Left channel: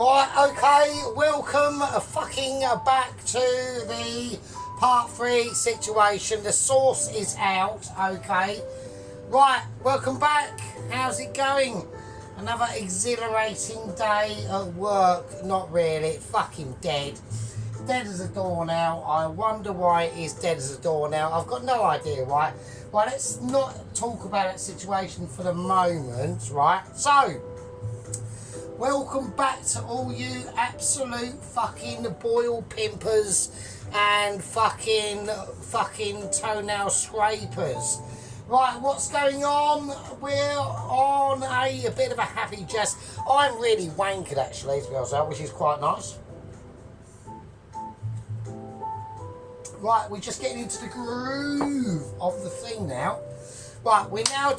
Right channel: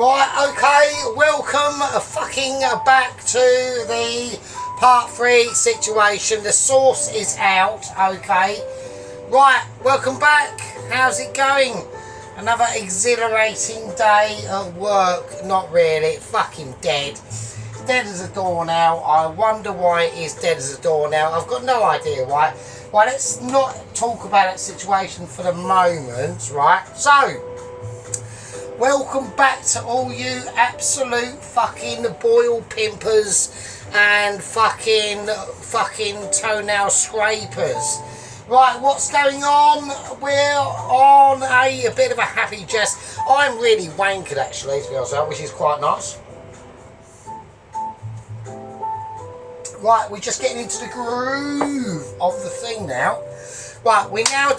Right, okay, welcome back to the part 3 situation. The sauce is out, okay. Right, welcome back. How's it going? Another exhilarating day at work. Not really, fucking dead. Dead as a door now. I wonder why it is dead as a door now. I've got no idea why. Right, let's not talk about that situation for the moment, right? So, welcome back to all you absolute fucking boil pimpers and fucking toenail scrapers. Right, what's going on? We're on a bit of a happy jest. I'm really wankered actually, to be honest, which is quite nice. Right, we're just getting into the groove of the thing now. Right, we now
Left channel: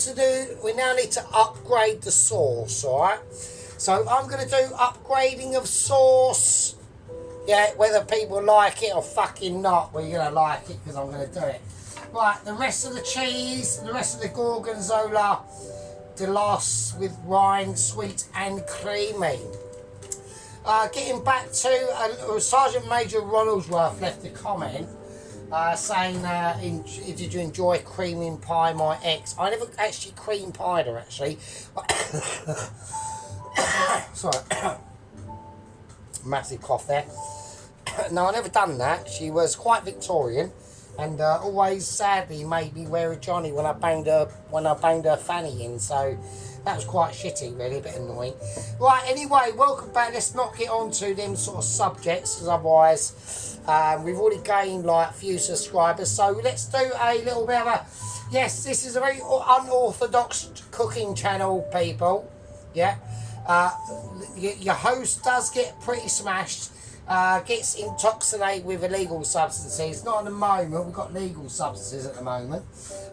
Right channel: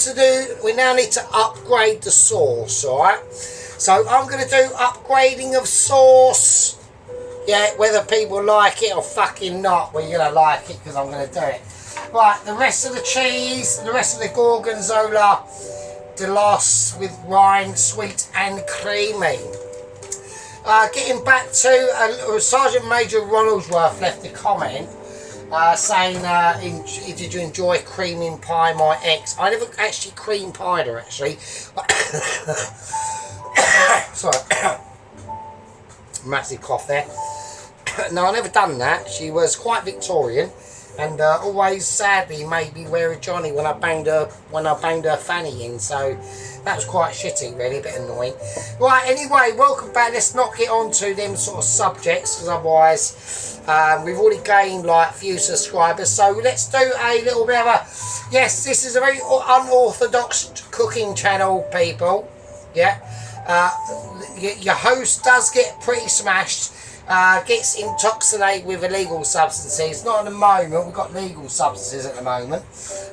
need to upgrade the sauce, alright? So I'm going to do upgrading of sauce. Yeah, whether people like it or fucking not, well, you're going to like it because I'm going to do it. Right, the rest of the cheese, the rest of the Gorgonzola Delos with rind, sweet and creamy. Getting back to Sergeant Major Ronaldsworth left a comment saying, did you enjoy creaming pie my ex? I never actually cream pied her actually. Sorry, massive cough there. No, I never done that. She was quite Victorian, and always sadly made me wear a Johnny when I banged her fanny in. So that was quite shitty, really, a bit annoying. Right, anyway, welcome back. Let's not get on to them sort of subjects, because otherwise we've already gained like a few subscribers. So let's do a little bit of a, yes, this is a very unorthodox cooking channel, people. Yeah. Your host does get pretty smashed, gets intoxicated with illegal substances. Not at the moment, we've got legal substances at the moment.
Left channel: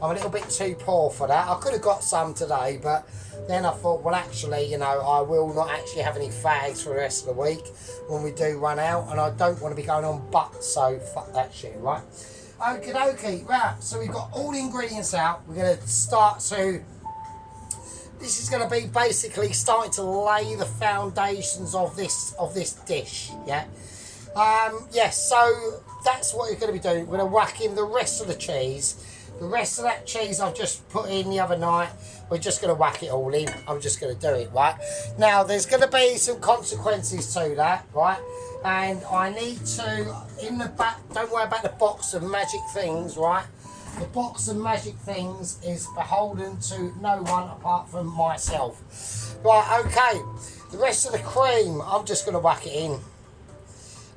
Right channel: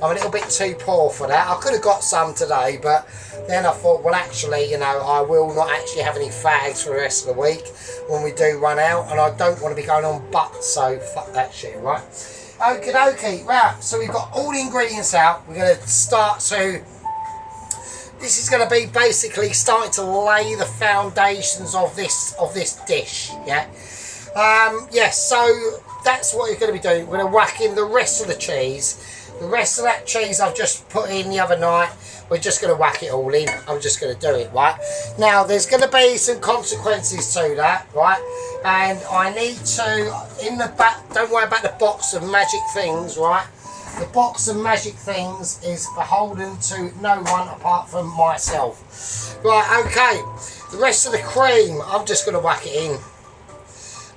I'm a little bit too poor for that. I could have got some today, but then I thought, well, actually, you know, I will not actually have any fags for the rest of the week when we do run out, and I don't want to be going on butts, so fuck that shit, right? Okie dokie, right, so we've got all the ingredients out. We're going to start to... This is going to be basically starting to lay the foundations of this dish, yeah? Yes, so that's what you're going to be doing. We're going to whack in the rest of the cheese. The rest of that cheese I've just put in the other night, we're just going to whack it all in. I'm just going to do it, right? Now, there's going to be some consequences to that, right? And I need to, in the back, don't worry about the box of magic things, right? The box of magic things is beholden to no one apart from myself. Right, okay. The rest of the cream, I'm just going to whack it in.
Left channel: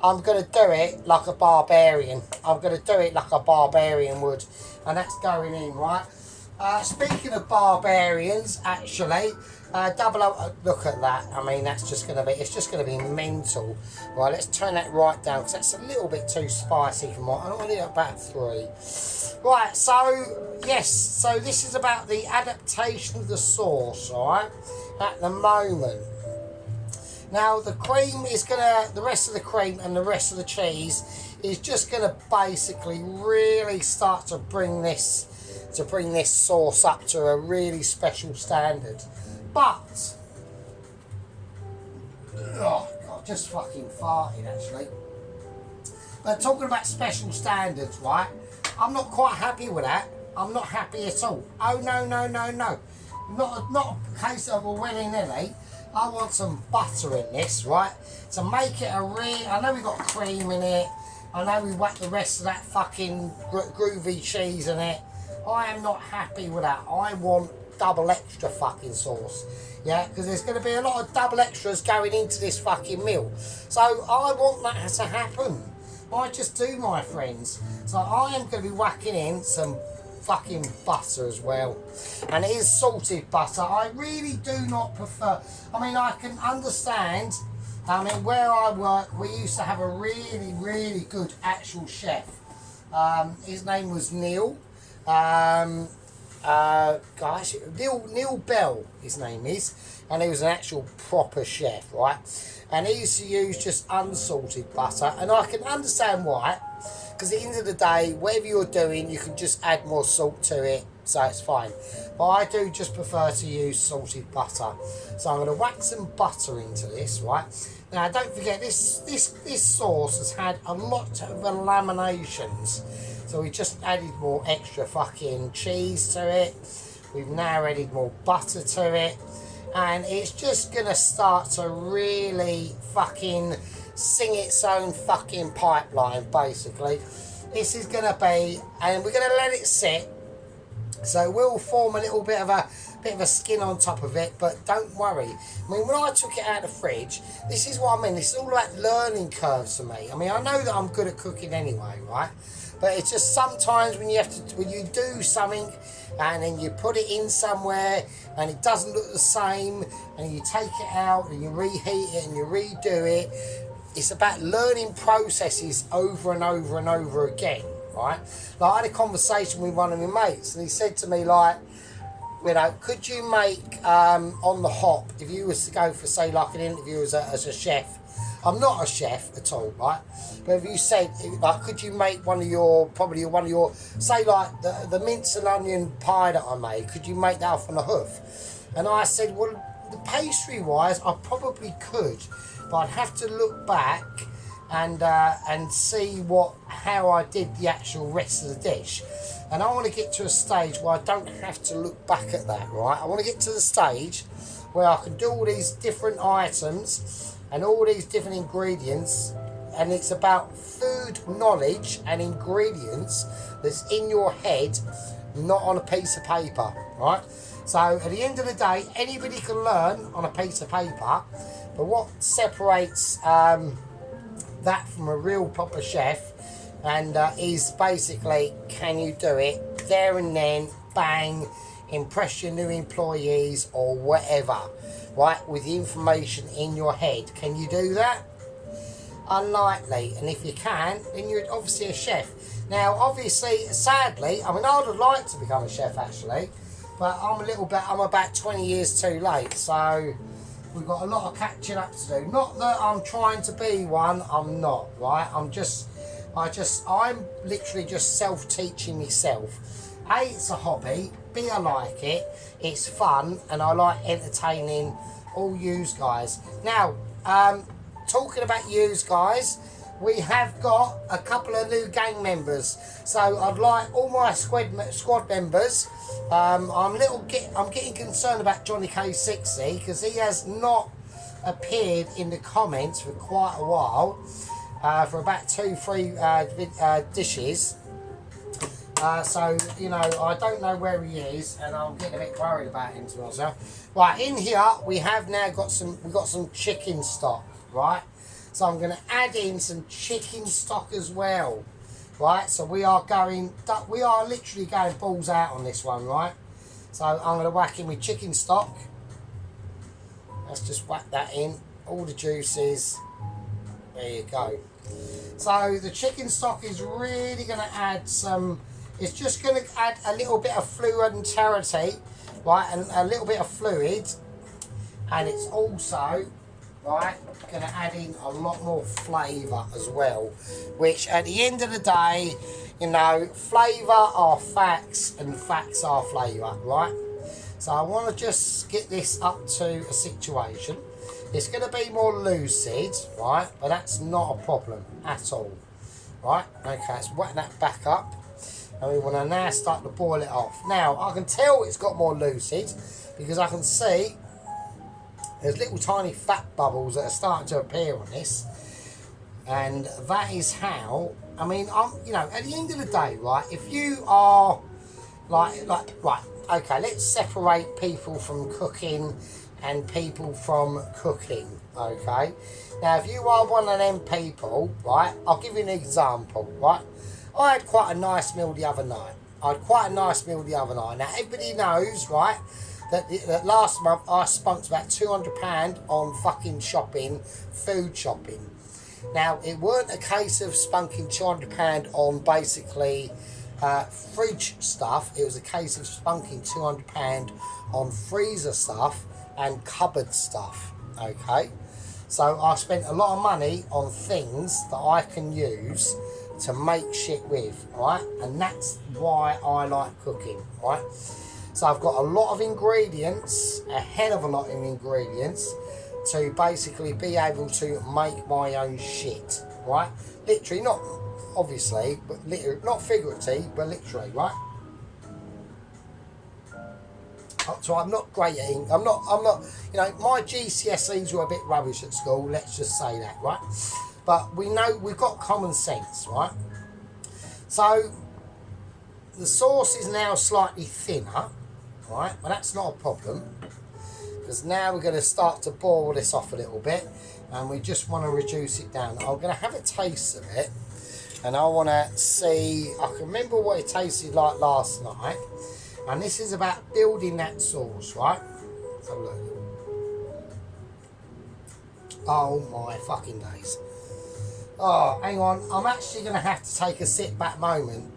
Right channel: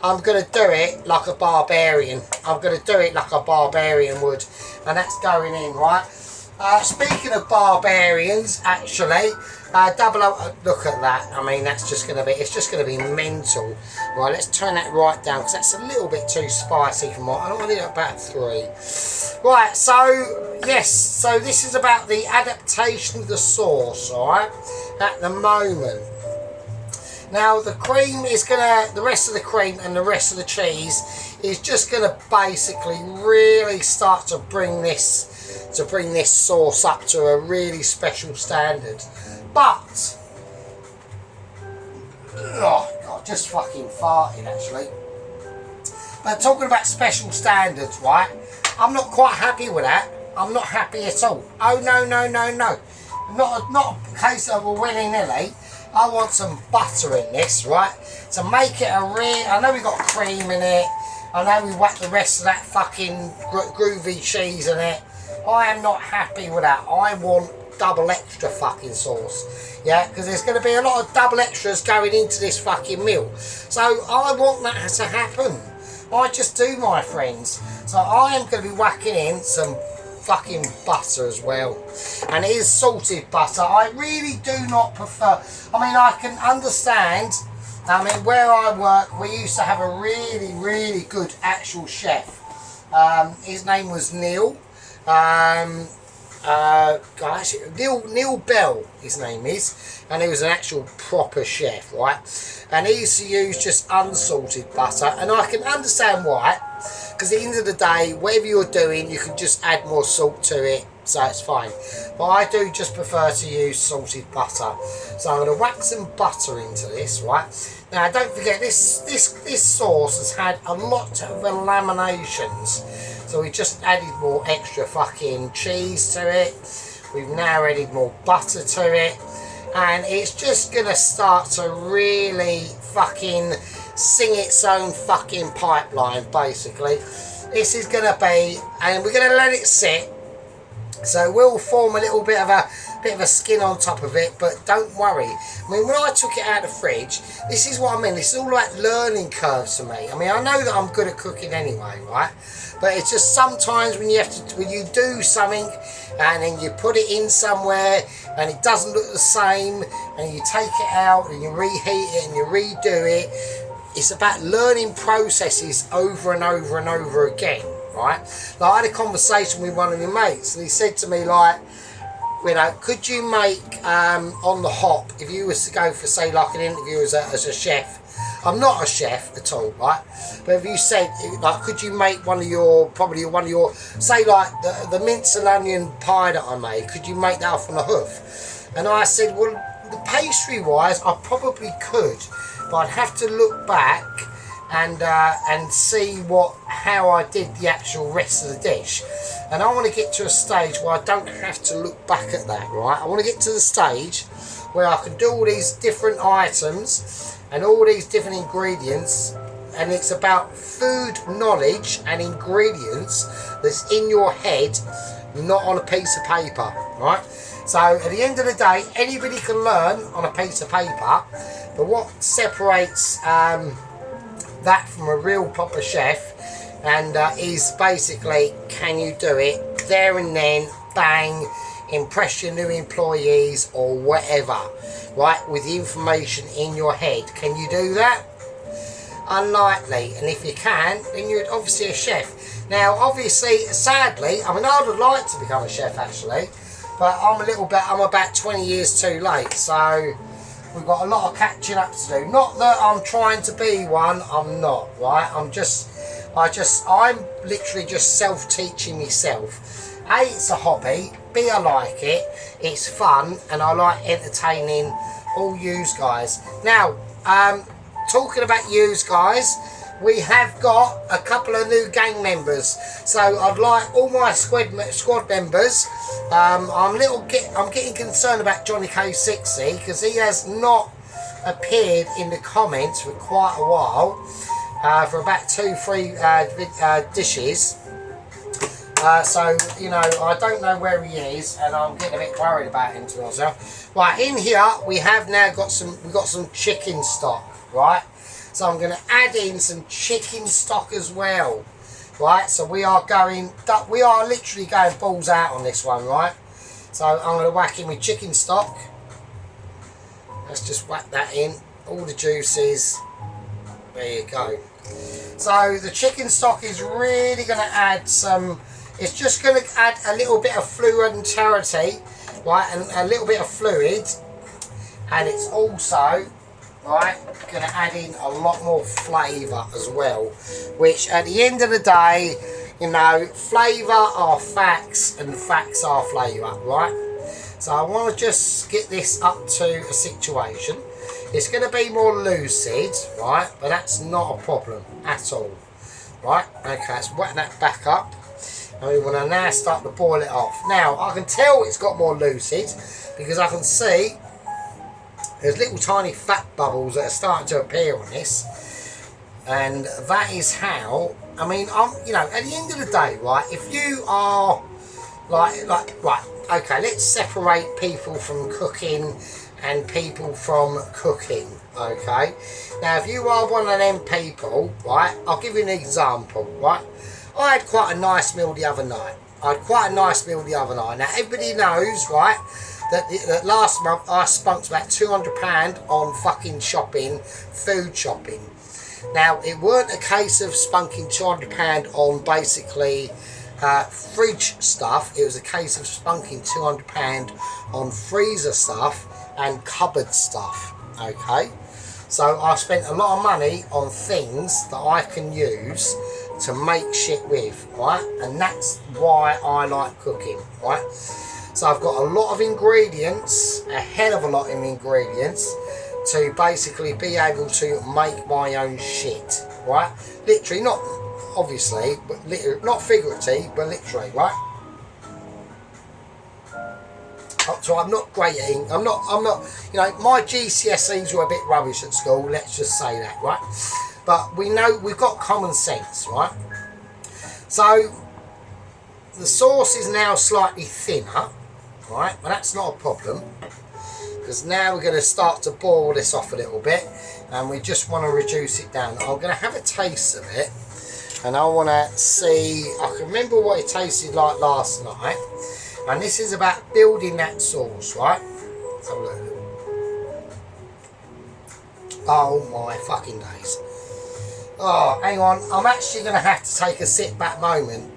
I'm going to do it like a barbarian. I'm going to do it like a barbarian would. And that's going in, right? Speaking of barbarians, actually, look at that. I mean, that's just going to be, it's just going to be mental. Right, let's turn that right down because that's a little bit too spicy for me. I don't want it about 3. Right, so, yes, so this is about the adaptation of the sauce, alright, at the moment. Now, the cream is going to, the rest of the cream and the rest of the cheese is just going to basically really start to bring this sauce up to a really special standard. But, oh, God, just fucking farted, actually. But talking about special standards, right? I'm not quite happy with that. I'm not happy at all. Oh, no. Not a case of a willy-nilly. I want some butter in this, right? To make it a real... I know we got cream in it. I know we whacked the rest of that fucking groovy cheese in it. I am not happy with that. I want double extra fucking sauce. Yeah, because there's going to be a lot of double extras going into this fucking meal. So I want that to happen. I just do, my friends. So I am going to be whacking in some fucking butter as well. And it is salted butter. I really do not prefer... I mean, I can understand... I mean, where I work, we used to have a really, really good actual chef. His name was Neil. Gosh, Neil Bell, his name is. And he was an actual proper chef, right? And he used to use just unsalted butter, and I can understand why, because at the end of the day, whatever you're doing, you can just add more salt to it, so it's fine. But I do just prefer to use salted butter. So I'm going to whack some butter into this, right? Now don't forget, this sauce has had a lot of laminations. So we just added more extra fucking cheese to it. We've now added more butter to it. And it's just going to start to really fucking sing its own fucking pipeline, basically. This is going to be, and we're going to let it sit. So we'll form a little bit of a skin on top of it, but don't worry. I mean, when I took it out of the fridge, this is what I mean. This is all about learning curves for me. I mean, I know that I'm good at cooking anyway, right? But it's just sometimes when you do something and then you put it in somewhere and it doesn't look the same, and you take it out and you reheat it and you redo it. It's about learning processes over and over and over again, right? Like, I had a conversation with one of my mates, and he said to me, like, you know, could you make on the hop, if you was to go for, say, like an interview as a chef? I'm not a chef at all, right? But if you said, like, could you make one of your, say, like the mince and onion pie that I made, could you make that off on a hoof? And I said, well, the pastry wise, I probably could, but I'd have to look back and see how I did the actual rest of the dish. And I want to get to a stage where I don't have to look back at that, right? I want to get to the stage where I can do all these different items and all these different ingredients, and it's about food knowledge and ingredients that's in your head, not on a piece of paper, right? So at the end of the day, anybody can learn on a piece of paper, but what separates that from a real proper chef and is basically, can you do it there and then, bang, impress your new employees or whatever, right, with the information in your head. Can you do that? Unlikely. And if you can, then you're obviously a chef. Now, obviously, sadly, I mean, I would like to become a chef actually, but I'm about 20 years too late, so we've got a lot of catching up to do. Not that I'm trying to be one, I'm not, right? I'm literally just self-teaching myself. A, it's a hobby. B, I like it. It's fun, and I like entertaining all yous guys. Now, talking about yous guys, we have got a couple of new gang members. So I'd like all my squad members. I'm getting concerned about Johnny K60 because he has not appeared in the comments for quite a while, for about 2-3 dishes. So, you know, I don't know where he is, and I'm getting a bit worried about him, to be honest. Right, in here we have now got some chicken stock, right? So I'm going to add in some chicken stock as well, right? So we are literally going balls out on this one, right? So I'm going to whack in with chicken stock. Let's just whack that in, all the juices. There you go. So the chicken stock is really going to add some. It's just going to add a little bit of fluidity, right, and a little bit of fluid, and it's also, right, going to add in a lot more flavour as well, which at the end of the day, you know, flavour are facts and facts are flavour, right? So I want to just get this up to a situation. It's going to be more lucid, right, but that's not a problem at all, right? Okay, let's whack that back up. And we want to now start to boil it off. Now, I can tell it's got more lucid because I can see there's little tiny fat bubbles that are starting to appear on this. And that is how, I mean, you know, at the end of the day, right, if you are right, okay, let's separate people from cooking and people from cooking, okay? Now, if you are one of them people, right, I'll give you an example, right? I had quite a nice meal the other night. Now, everybody knows, right, that last month I spent about £200 on fucking shopping, food shopping. Now, it weren't a case of spunking £200 on basically fridge stuff. It was a case of spunking £200 on freezer stuff and cupboard stuff, okay? So I spent a lot of money on things that I can use to make shit with, right? And that's why I like cooking, right? So I've got a lot of ingredients, a hell of a lot of ingredients, to basically be able to make my own shit, right? Literally, not obviously, but not figuratively, but literally, right? So I'm not great at I'm not, you know, my GCSEs were a bit rubbish at school, let's just say that, right? But we know we've got common sense, right? So the sauce is now slightly thinner, right? Well, that's not a problem, because now we're going to start to boil this off a little bit, and we just want to reduce it down. I'm going to have a taste of it, and I want to see, I can remember what it tasted like last night, and this is about building that sauce, right? Let's have a look. Oh my fucking days. Oh, hang on, I'm actually going to have to take a sit back moment.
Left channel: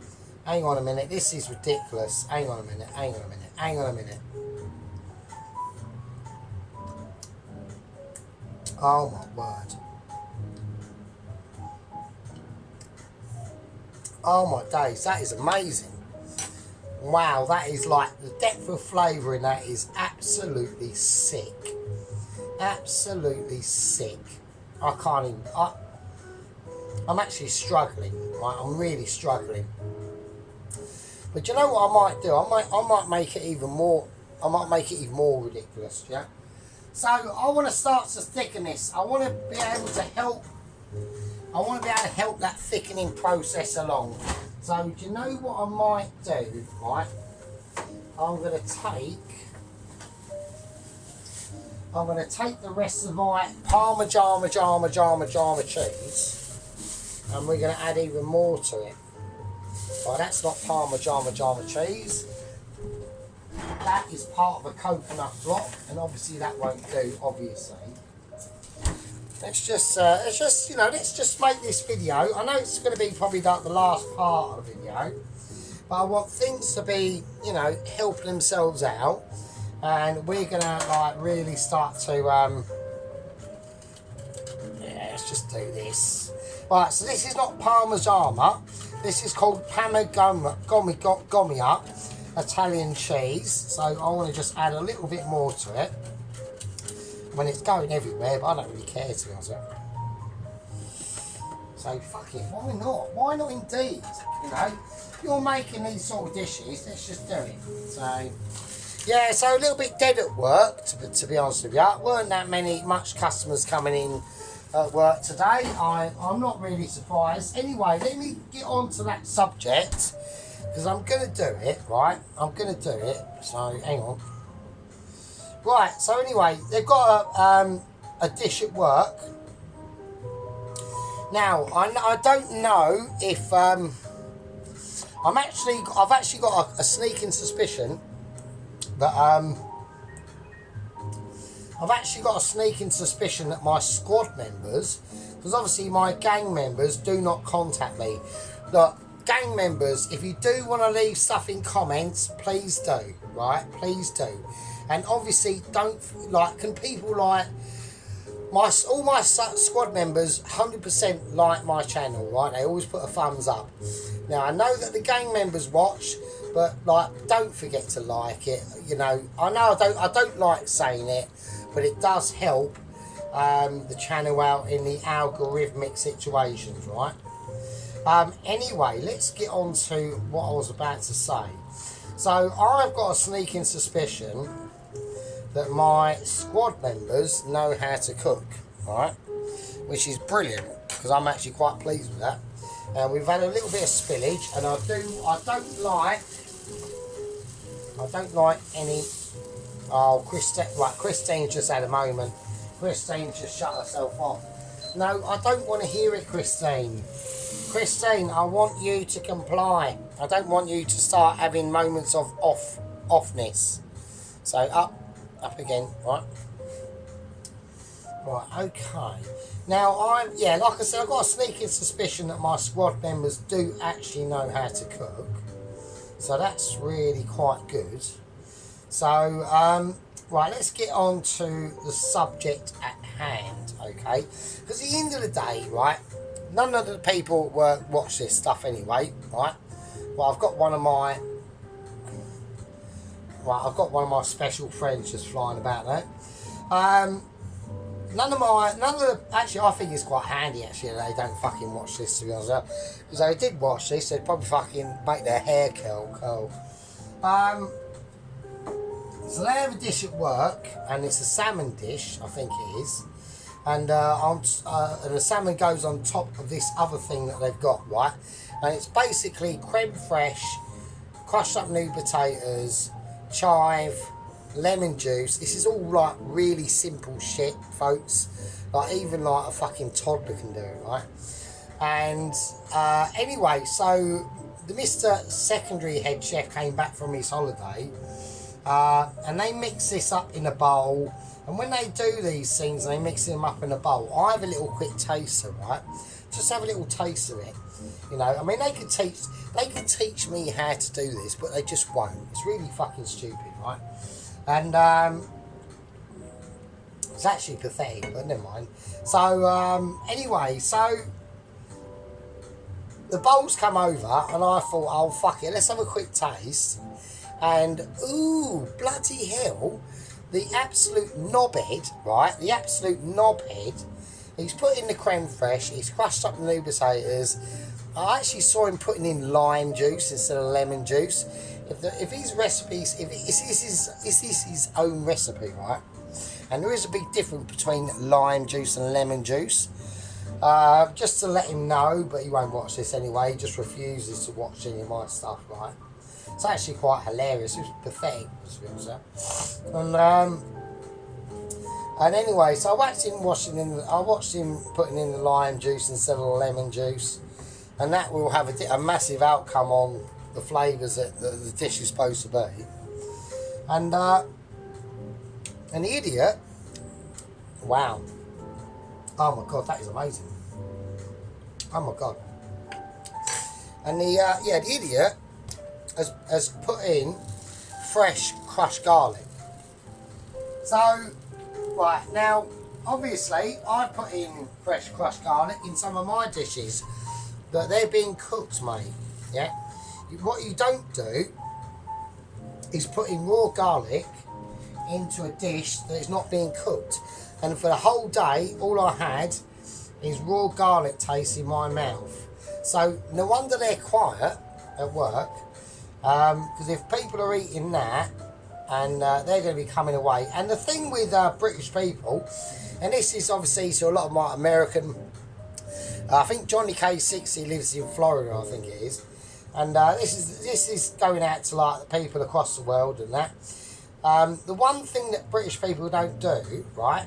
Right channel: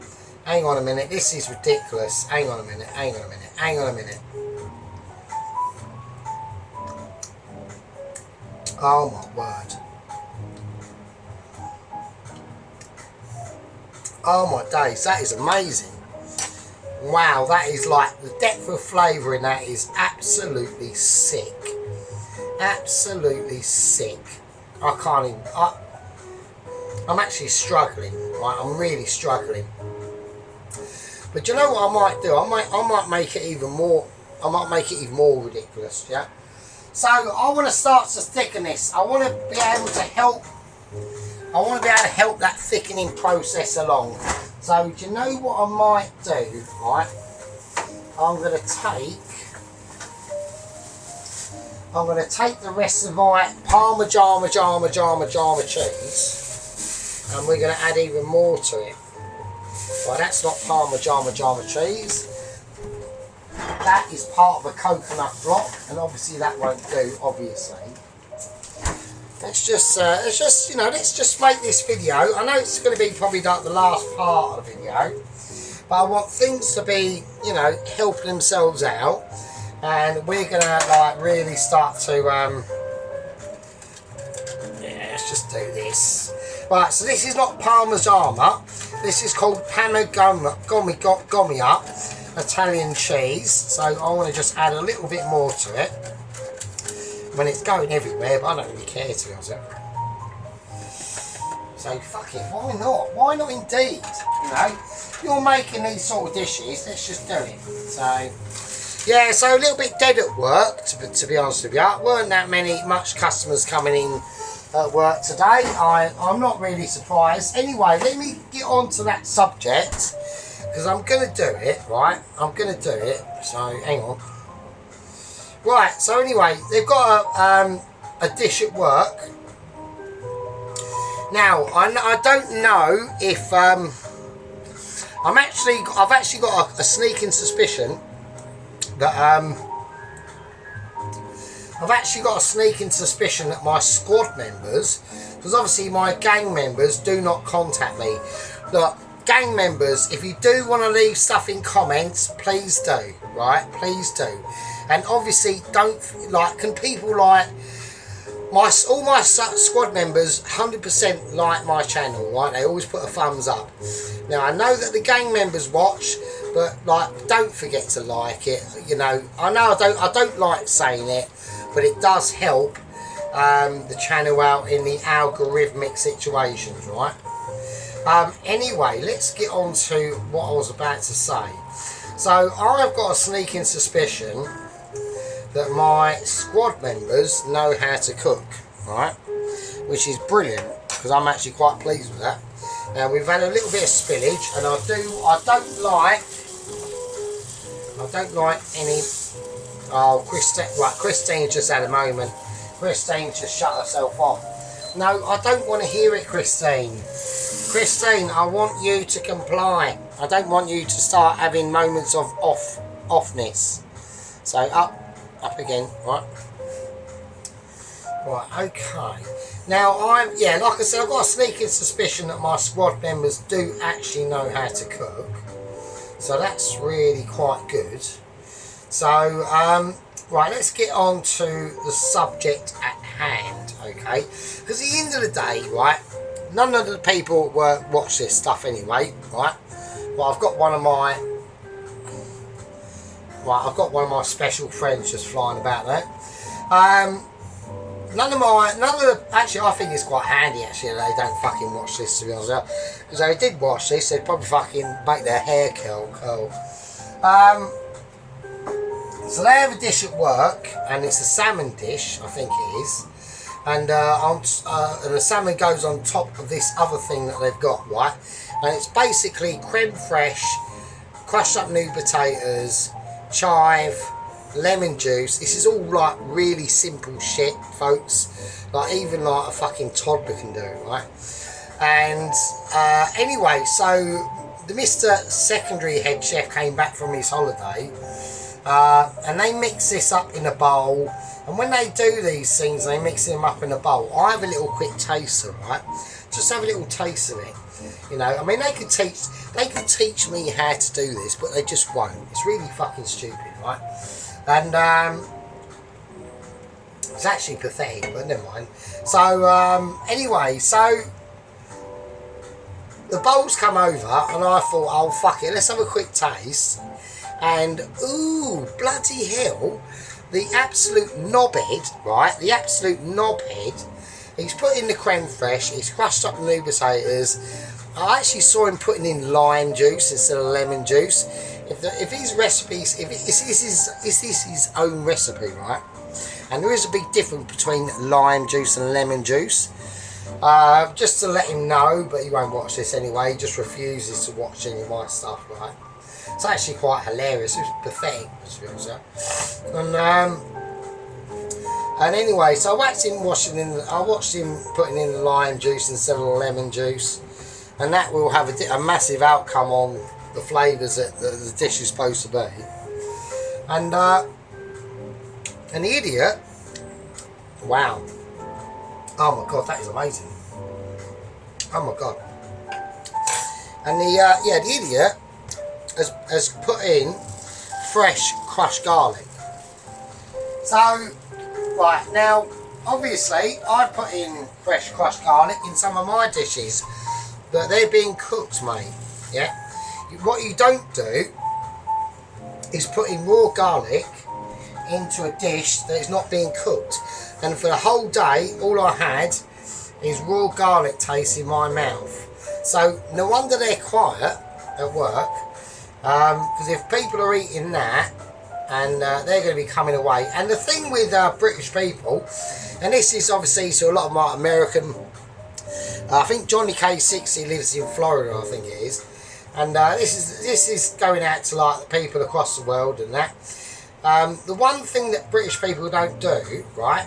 Hang on a minute, this is ridiculous. Hang on a minute, hang on a minute, hang on a minute. Oh my word. Oh my days, that is amazing. Wow, that is like, the depth of flavour in that is absolutely sick. Absolutely sick. I can't even, I'm actually struggling, right? I'm really struggling. But you know what I might do? I might make it even more, I might make it even more ridiculous, yeah? So I want to start to thicken this. I want to be able to help that thickening process along. So do you know what I might do, right? I'm going to take the rest of my Parmesan cheese, and we're going to add even more to it. Right, that's not Parmesan cheese. That is part of a coconut block, and obviously that won't do, obviously. Let's just, you know, let's just make this video. I know it's going to be probably like the last part of the video, but I want things to be, you know, helping themselves out, and we're going to like really start to, yeah, let's just do this. Right, so this is not Parmigiana, this is called Parmigiana Italian cheese, so I want to just add a little bit more to it. I mean, it's going everywhere, but I don't really care, to be honest. So fuck it, why not? Why not indeed? You know, you're making these sort of dishes, let's just do it. So yeah, so a little bit dead at work, to be honest with you. Weren't that much customers coming in at work today. I'm not really surprised. Anyway, let me get on to that subject, because I'm going to do it, right? I'm going to do it, so hang on. Right, so anyway, they've got a dish at work. Now, I don't know if I've actually got a sneaking suspicion that my squad members, because obviously my gang members do not contact me. Look, gang members, if you do want to leave stuff in comments, please do, right? Please do. And obviously, can people like all my squad members 100% like my channel, right? They always put a thumbs up. Now I know that the gang members watch, but like, don't forget to like it. You know I don't like saying it, but it does help the channel out in the algorithmic situations, right? Anyway, let's get on to what I was about to say. So I've got a sneaking suspicion that my squad members know how to cook, right? Which is brilliant, because I'm actually quite pleased with that. Now we've had a little bit of spillage, and I don't like any. Oh, Christine just had a moment. Christine just shut herself off. No, I don't want to hear it, Christine. Christine, I want you to comply. I don't want you to start having moments of offness. So up again, right? Right, okay. Now like I said, I've got a sneaking suspicion that my squad members do actually know how to cook. So that's really quite good. So, right, let's get on to the subject at hand, okay? Because at the end of the day, right, none of the people watch this stuff anyway, right? Well, I've got one of my special friends just flying about there. Actually, I think it's quite handy actually that they don't fucking watch this, to be honest. Because if they did watch this, they'd probably fucking make their hair curl. So they have a dish at work, and it's a salmon dish, I think it is. And the salmon goes on top of this other thing that they've got, right? And it's basically creme fraiche, crushed up new potatoes, chive, lemon juice. This is all like really simple shit, folks. Like even like a fucking toddler can do, right? And anyway, so the Mr. Secondary head chef came back from his holiday, and they mix this up in a bowl. And when they do these things, they mix them up in a bowl. I have a little quick taster, right? Just have a little taste of it. You know, I mean, they could teach me how to do this, but they just won't. It's really fucking stupid, right? And it's actually pathetic, but never mind. So anyway, so the bowls come over, and I thought, oh fuck it, let's have a quick taste. And ooh, bloody hell, the absolute knobhead, right? The absolute knobhead. He's put in the creme fraiche. He's crushed up the new potatoes. I actually saw him putting in lime juice instead of lemon juice. If his recipes, is this his own recipe, right? And there is a big difference between lime juice and lemon juice. Just to let him know, but he won't watch this anyway. He just refuses to watch any of my stuff, right? It's actually quite hilarious. It's pathetic, and anyway, so I watched him putting in the lime juice instead of the lemon juice, and that will have a massive outcome on the flavours that the dish is supposed to be. And the idiot, wow, oh my god, that is amazing. Oh my god. And the idiot has put in fresh crushed garlic. So, right, now, obviously, I put in fresh crushed garlic in some of my dishes, but they're being cooked, mate, yeah? What you don't do is put in raw garlic into a dish that is not being cooked. And for the whole day, all I had is raw garlic taste in my mouth. So, no wonder they're quiet at work, because if people are eating that, and they're going to be coming away. And the thing with British people, and this is obviously to a lot of my American, I think Johnny K60 lives in Florida, I think it is, and this is going out to like the people across the world and that. The one thing that British people don't do, right,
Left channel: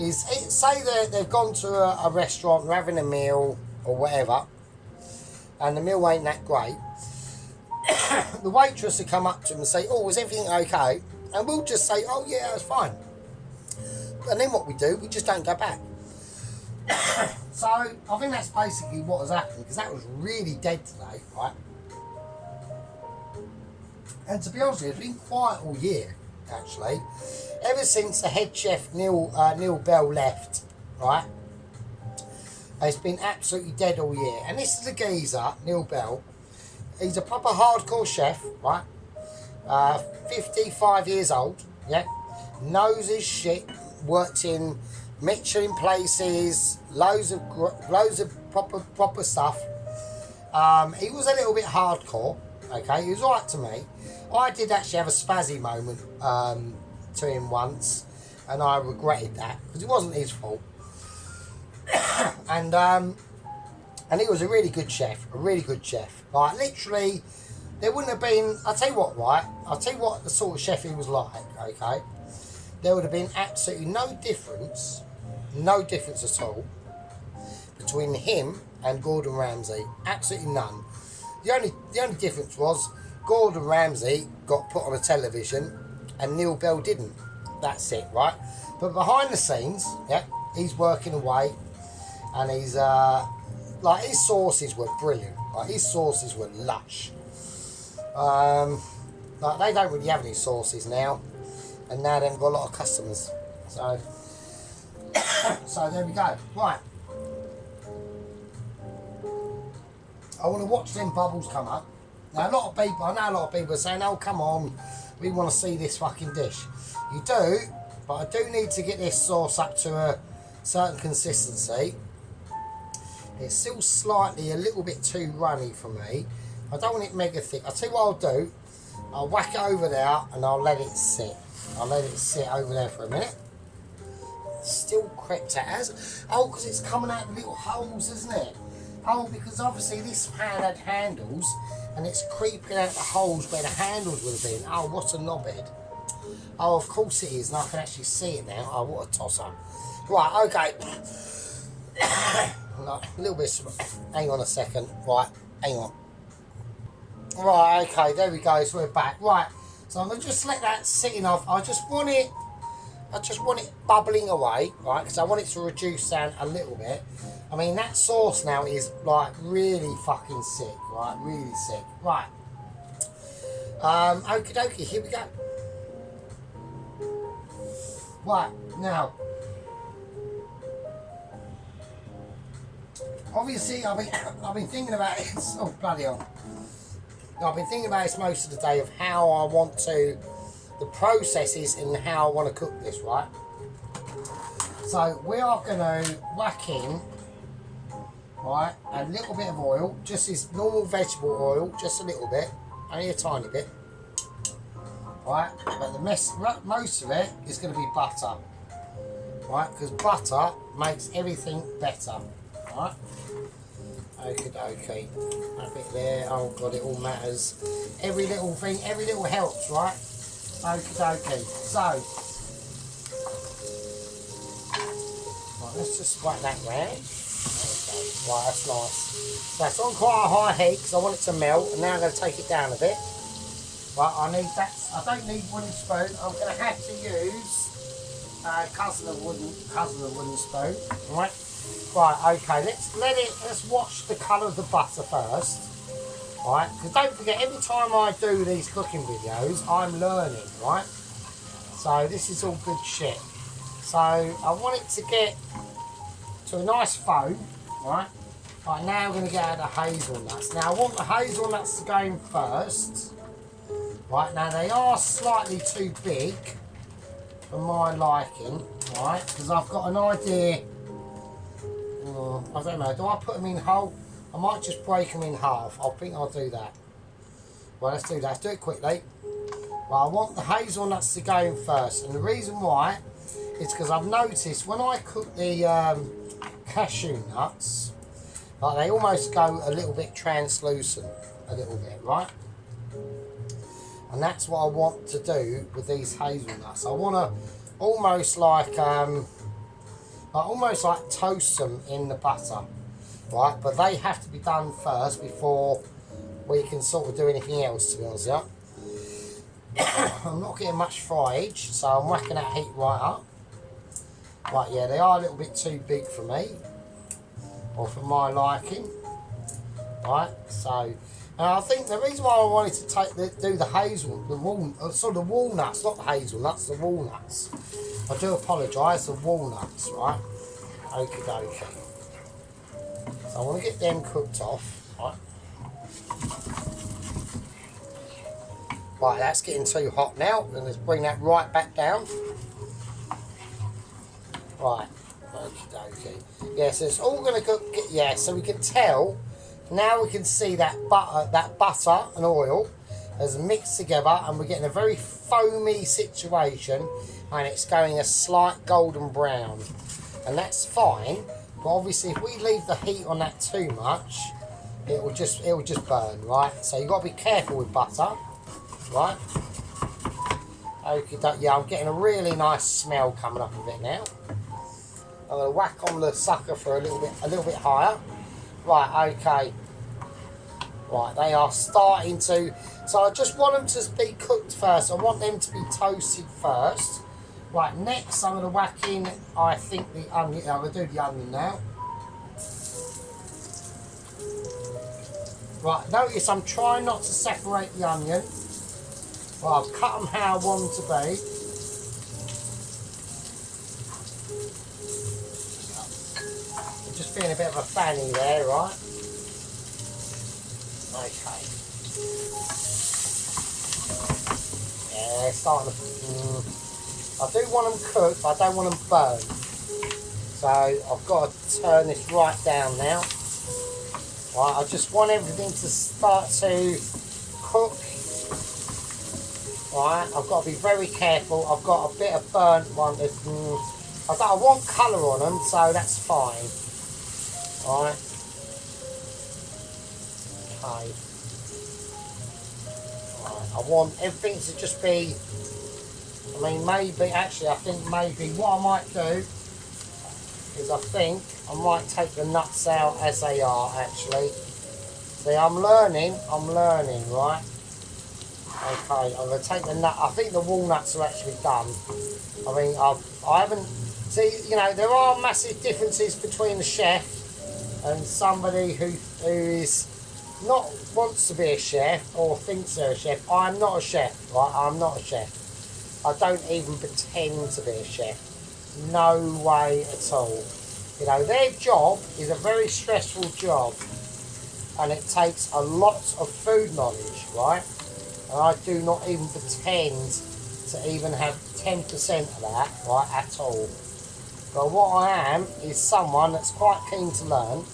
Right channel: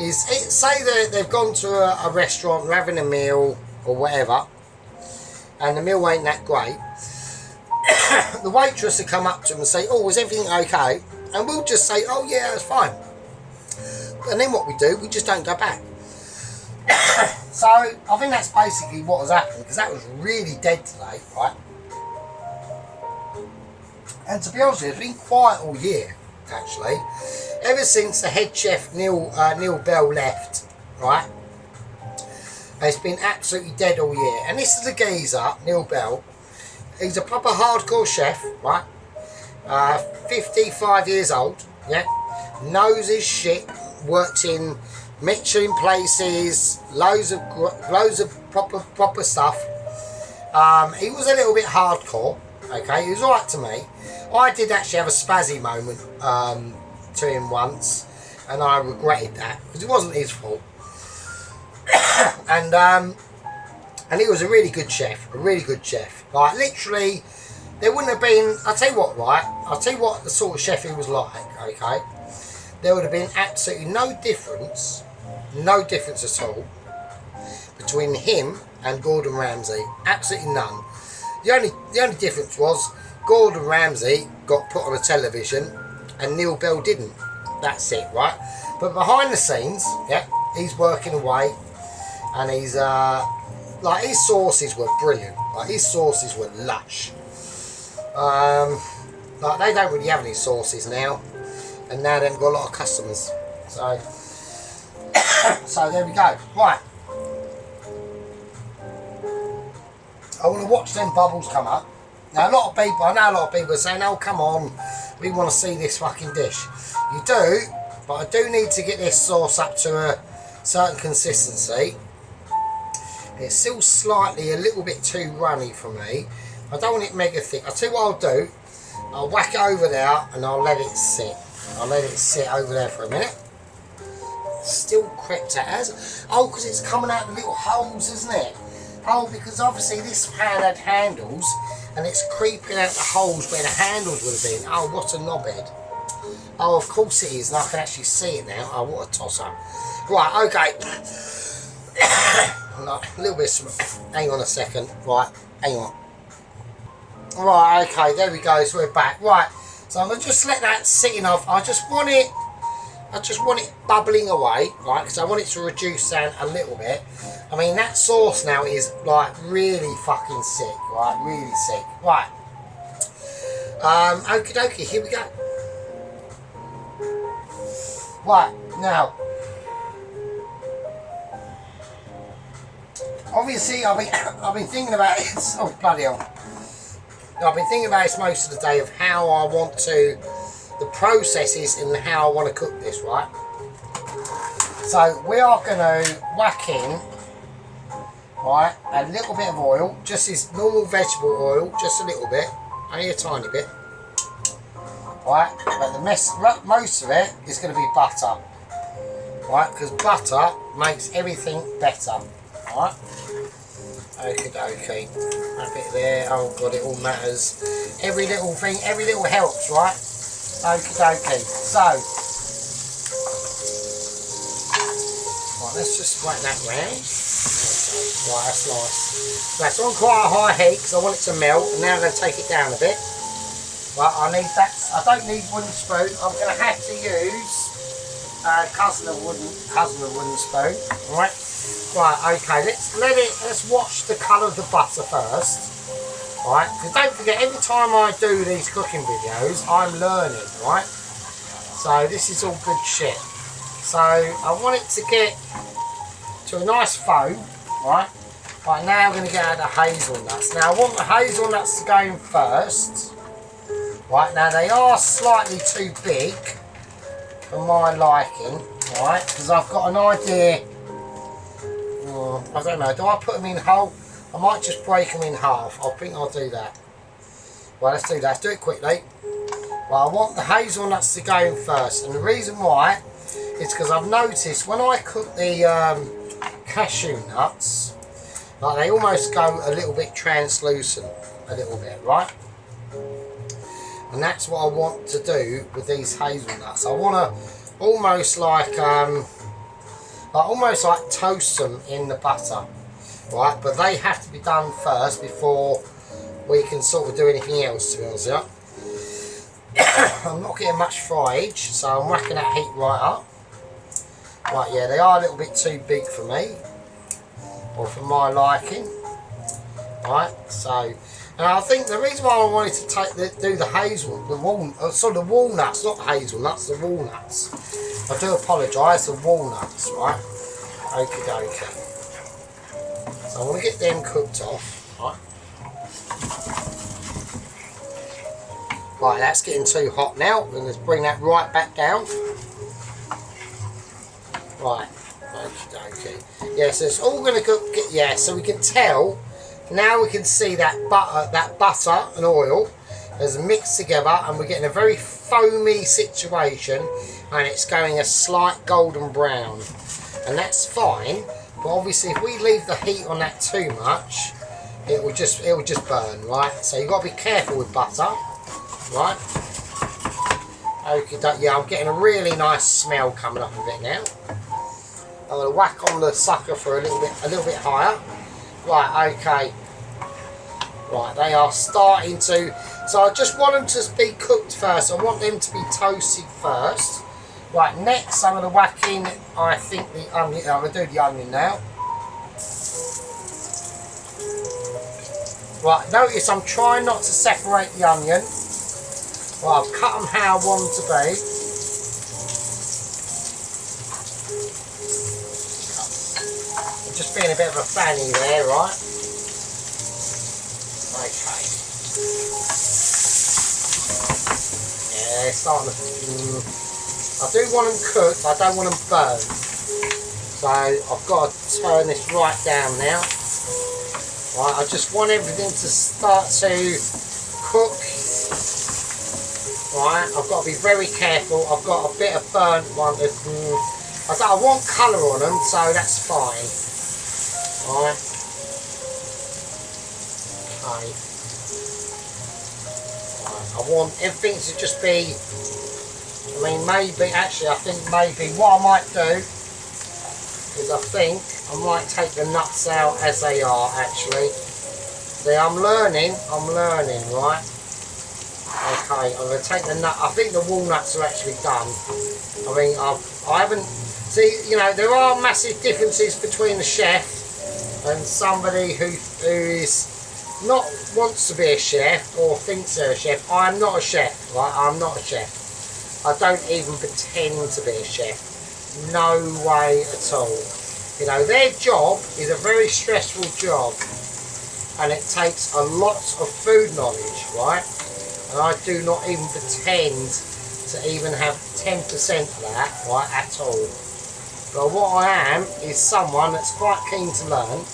is say they've gone to a restaurant, they're having a meal or whatever, and the meal ain't that great. The waitress will come up to them and say, oh, is everything okay? And we'll just say, oh yeah, it's fine. And then what we do, we just don't go back. So I think that's basically what has happened, because that was really dead today, right? And to be honest with you, it's been quiet all year, actually. Ever since the head chef Neil Bell left, right? It's been absolutely dead all year. And this is a geezer, Neil Bell. He's a proper hardcore chef, right? 55 years old, yeah? Knows his shit, worked in Michelin places, loads of proper stuff. He was a little bit hardcore, okay? He was alright to me. I did actually have a spazzy moment to him once, and I regretted that, because it wasn't his fault. And he was a really good chef, Like, literally, there wouldn't have been, I'll tell you what the sort of chef he was like, okay? There would have been absolutely no difference at all between him and Gordon Ramsay. Absolutely none. The only difference was Gordon Ramsay got put on a television and Neil Bell didn't. That's it, right? But behind the scenes, yeah, he's working away, and he's like, his sauces were brilliant. Like, his sauces were lush. Like, they don't really have any sauces now, and now they've got a lot of customers. So So there we go. Right. I want to watch them bubbles come up. Now I know a lot of people are saying, oh come on, we want to see this fucking dish. You do, but I do need to get this sauce up to a certain consistency. It's still slightly a little bit too runny for me. I don't want it mega thick. I'll tell you what I'll do. I'll whack it over there and I'll let it sit. I'll let it sit over there for a minute. Still crept out as. Oh, because it's coming out the little holes, isn't it? Oh, because obviously this pan had handles and it's creeping out the holes where the handles would have been. Oh, what a knobhead. Oh, of course it is, and I can actually see it now. Oh, what a toss-up. Right, okay. A little bit. Hang on a second. Right, hang on. Right, okay, there we go. So we're back. Right, so I'm going to just let that sit enough. I just want it bubbling away, right, because I want it to reduce down a little bit. I mean, that sauce now is like really fucking sick, right, really sick. Right, okie dokie, here we go. Right, now, obviously I've been thinking about it. Oh, bloody hell. I've been thinking about this most of the day of how I want to, the processes and how I want to cook this, right? So we are going to whack in, right, a little bit of oil, just this normal vegetable oil, just a little bit, only a tiny bit, right? But the most of it is going to be butter, right? Because butter makes everything better, right? Okie dokie, a bit there. Oh god, it all matters. Every little thing, every little helps, right? Okie dokie. So, right, let's just whack that round. Right, that's nice. That's on quite a high heat because I want it to melt. And now I'm going to take it down a bit. Right, I need that. I don't need wooden spoon. I'm going to have to use cousin of wooden spoon. Right. Right, okay, let's watch the colour of the butter first. Right, because don't forget, every time I do these cooking videos, I'm learning, right? So this is all good shit. So I want it to get to a nice foam, right? Right, now I'm going to get out the hazelnuts. Now I want the hazelnuts to go in first. Right, now they are slightly too big for my liking, right? Because I've got an idea. I don't know, do I put them in whole? I might just break them in half. I think I'll do that. Well, let's do that. Let's do it quickly. Well, I want the hazelnuts to go in first. And the reason why is because I've noticed when I cook the cashew nuts, like they almost go a little bit translucent. A little bit, right? And that's what I want to do with these hazelnuts. I want to almost like toast them in the butter, right? But they have to be done first before we can sort of do anything else, to be honest with you. I'm not getting much fryage, so I'm whacking that heat right up. Right, yeah, they are a little bit too big for me, or for my liking. Right, so now I think the reason why I wanted to do the walnuts, not the hazelnuts, the walnuts. I do apologise, the walnuts, right? Okie dokie. So I want to get them cooked off, right? Right, that's getting too hot now. We're going to bring that right back down. Right, okie dokie. Yeah, so it's all going to cook. Yeah, so we can tell. Now we can see that butter and oil has mixed together, and we're getting a very foamy situation, and it's going a slight golden brown, and that's fine. But obviously, if we leave the heat on that too much, it will just burn, right? So you've got to be careful with butter, right? Okay, yeah, I'm getting a really nice smell coming up of it now. I'm going to whack on the sucker for a little bit higher. Right, okay. Right, they are starting to. So I just want them to be cooked first. I want them to be toasted first. Right, next I'm going to whack in, I think, the onion. I'm going to do the onion now. Right, notice I'm trying not to separate the onion. Right, I've cut them how I want them to be. being a bit of a fanny there, right? Okay. Yeah, they're starting to... I do want them cooked, I don't want them burned. So I've got to turn this right down now. Right, I just want everything to start to cook. Right, I've got to be very careful. I've got a bit of burnt one. I want colour on them, so that's fine. Right. Okay. Right, I want everything to just be... I mean, maybe, actually, I think maybe what I might do is I think I might take the nuts out as they are, actually. See, I'm learning, right? Okay, I'm going to take the nut. I think the walnuts are actually done. I mean, I haven't... See, you know, there are massive differences between the chef and somebody who is not wants to be a chef or thinks they're a chef. I'm not a chef, right? I'm not a chef. I don't even pretend to be a chef. No way at all. You know, their job is a very stressful job, and it takes a lot of food knowledge, right? And I do not even pretend to even have 10% of that, right, at all. But what I am is someone that's quite keen to learn.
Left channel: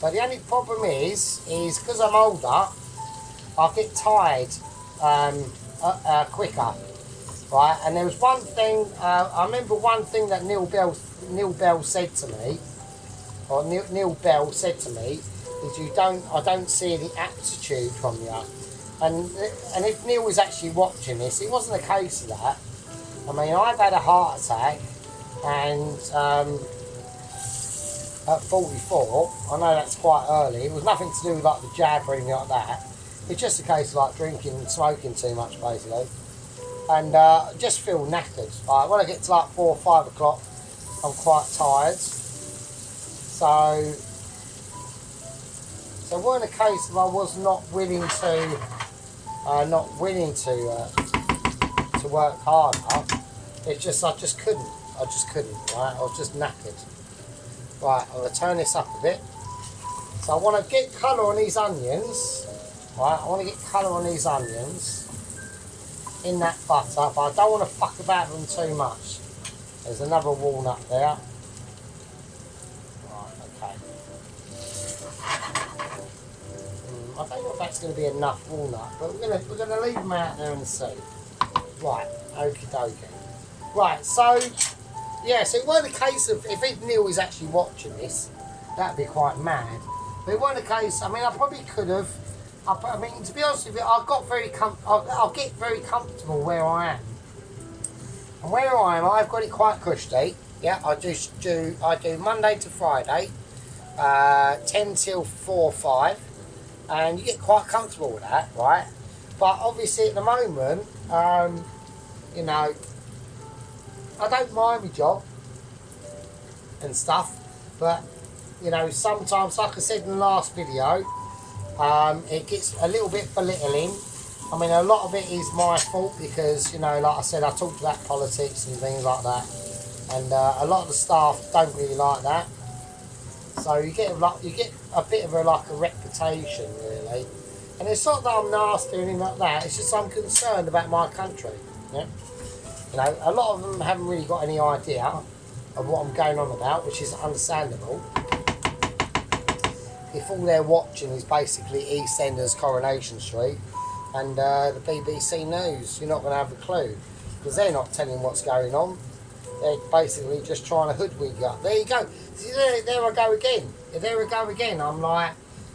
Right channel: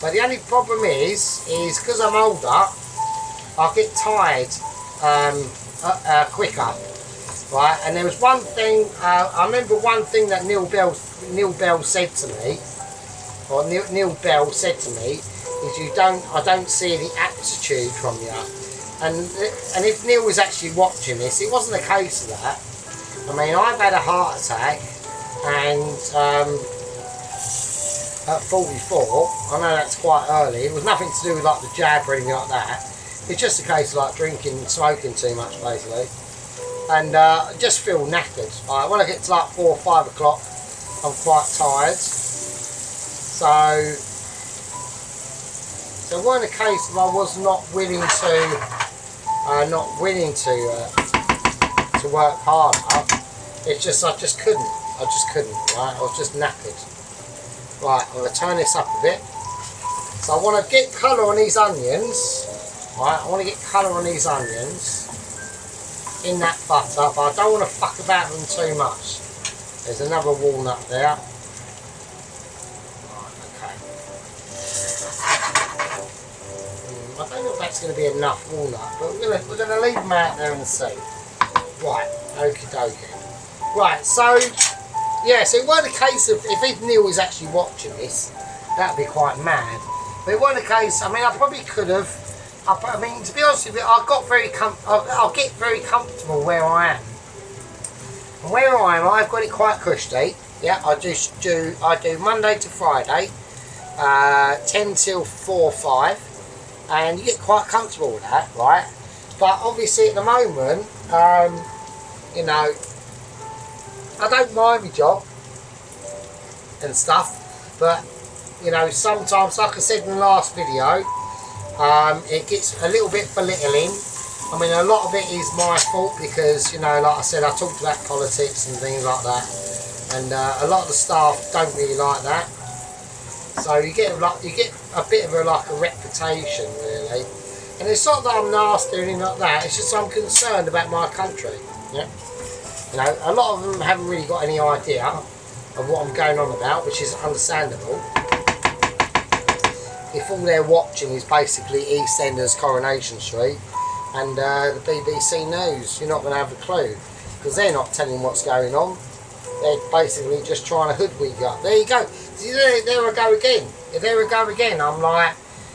But the only problem is because I'm older, I get tired quicker. Right, and there was one thing, I remember one thing that Neil Bell said to me, or Neil Bell said to me, is I don't see any aptitude from you. And if Neil was actually watching this, it wasn't a case of that. I mean, I've had a heart attack, and at 44, I know that's quite early, it was nothing to do with like the jab or anything like that. It's just a case of like drinking and smoking too much, basically. And just feel knackered. When I get to like 4 or 5 o'clock, I'm quite tired. So it wasn't a case of I was not willing to work harder. It's just I just couldn't. Right, I was just knackered. Right, I'm gonna turn this up a bit. So I want to get colour on these onions. Right, I want to get colour on these onions in that butter, but I don't want to fuck about them too much. There's another walnut there. Right, okay. I don't know if that's going to be enough walnut, but we're gonna leave them out there and see. Right, okie dokie. Right, so yeah, so it wasn't a case of if Neil is actually watching this, that'd be quite mad. But it wasn't a case. I mean, I probably could have. I mean, to be honest with you, I'll get very comfortable where I am. And where I am, I've got it quite cushy. Yeah, I do Monday to Friday, 10 till 4, 5, and you get quite comfortable with that, right? But obviously at the moment, you know, I don't mind my job and stuff, but you know, sometimes, like I said in the last video, it gets a little bit belittling. I mean, a lot of it is my fault because, you know, like I said, I talked about politics and things like that, and a lot of the staff don't really like that. So you get a bit of a reputation, really. And it's not that I'm nasty or anything like that. It's just I'm concerned about my country. Yeah, you know, a lot of them haven't really got any idea of what I'm going on about, which is understandable. If all they're watching is basically EastEnders Coronation Street and the BBC News, you're not going to have a clue because they're not telling what's going on. They're basically just trying to hoodwink you up. There you go. See, there I go again. There I go again. I'm like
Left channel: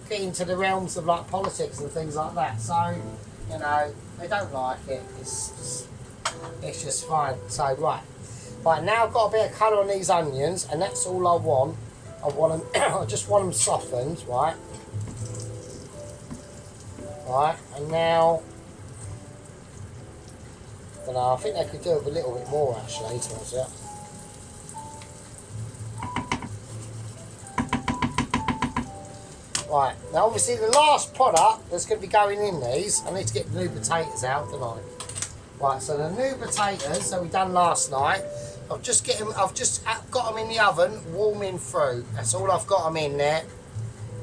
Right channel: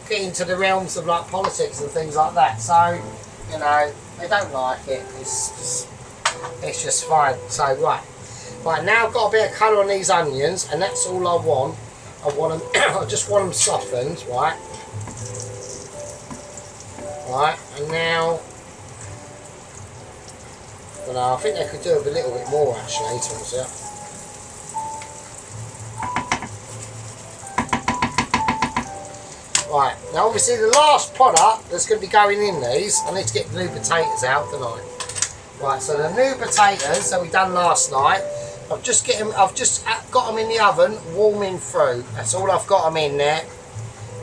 getting to the realms of like politics and things like that. So, you know, they don't like it. It's just fine. So right now I've got a bit of colour on these onions, and that's all I want. I want them. I just want them softened, right? Right, and now, well, I think they could do with a little bit more actually. Turns out. Right, now obviously the last product that's going to be going in these, I need to get the new potatoes out, don't I? Right, so the new potatoes that we done last night, I've just got them in the oven, warming through. That's all I've got them in there.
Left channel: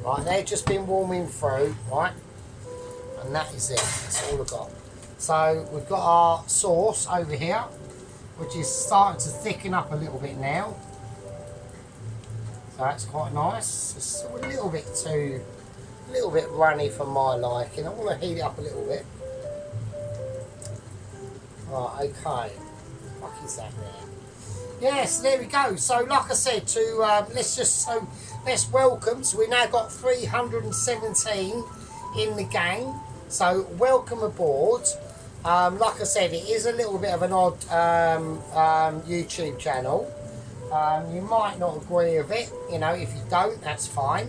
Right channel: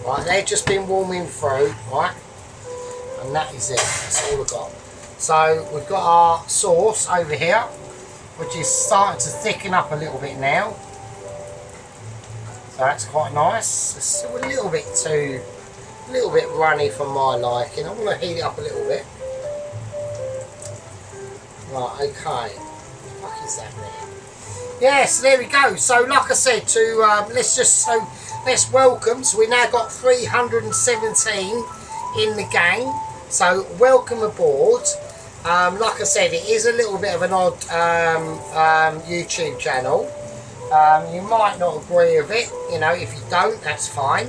Right, they've just been warming through, right? And that is it. That's all we've got. So we've got our sauce over here, which is starting to thicken up a little bit now. So that's quite nice. It's still a little bit runny for my liking. I want to heat it up a little bit. Right, okay. What is that there? Yeah, so there we go. So like I said, let's welcome. So we now got 317 in the gang. So welcome aboard. Like I said, it is a little bit of an odd YouTube channel. You might not agree with it, you know. If you don't, that's fine.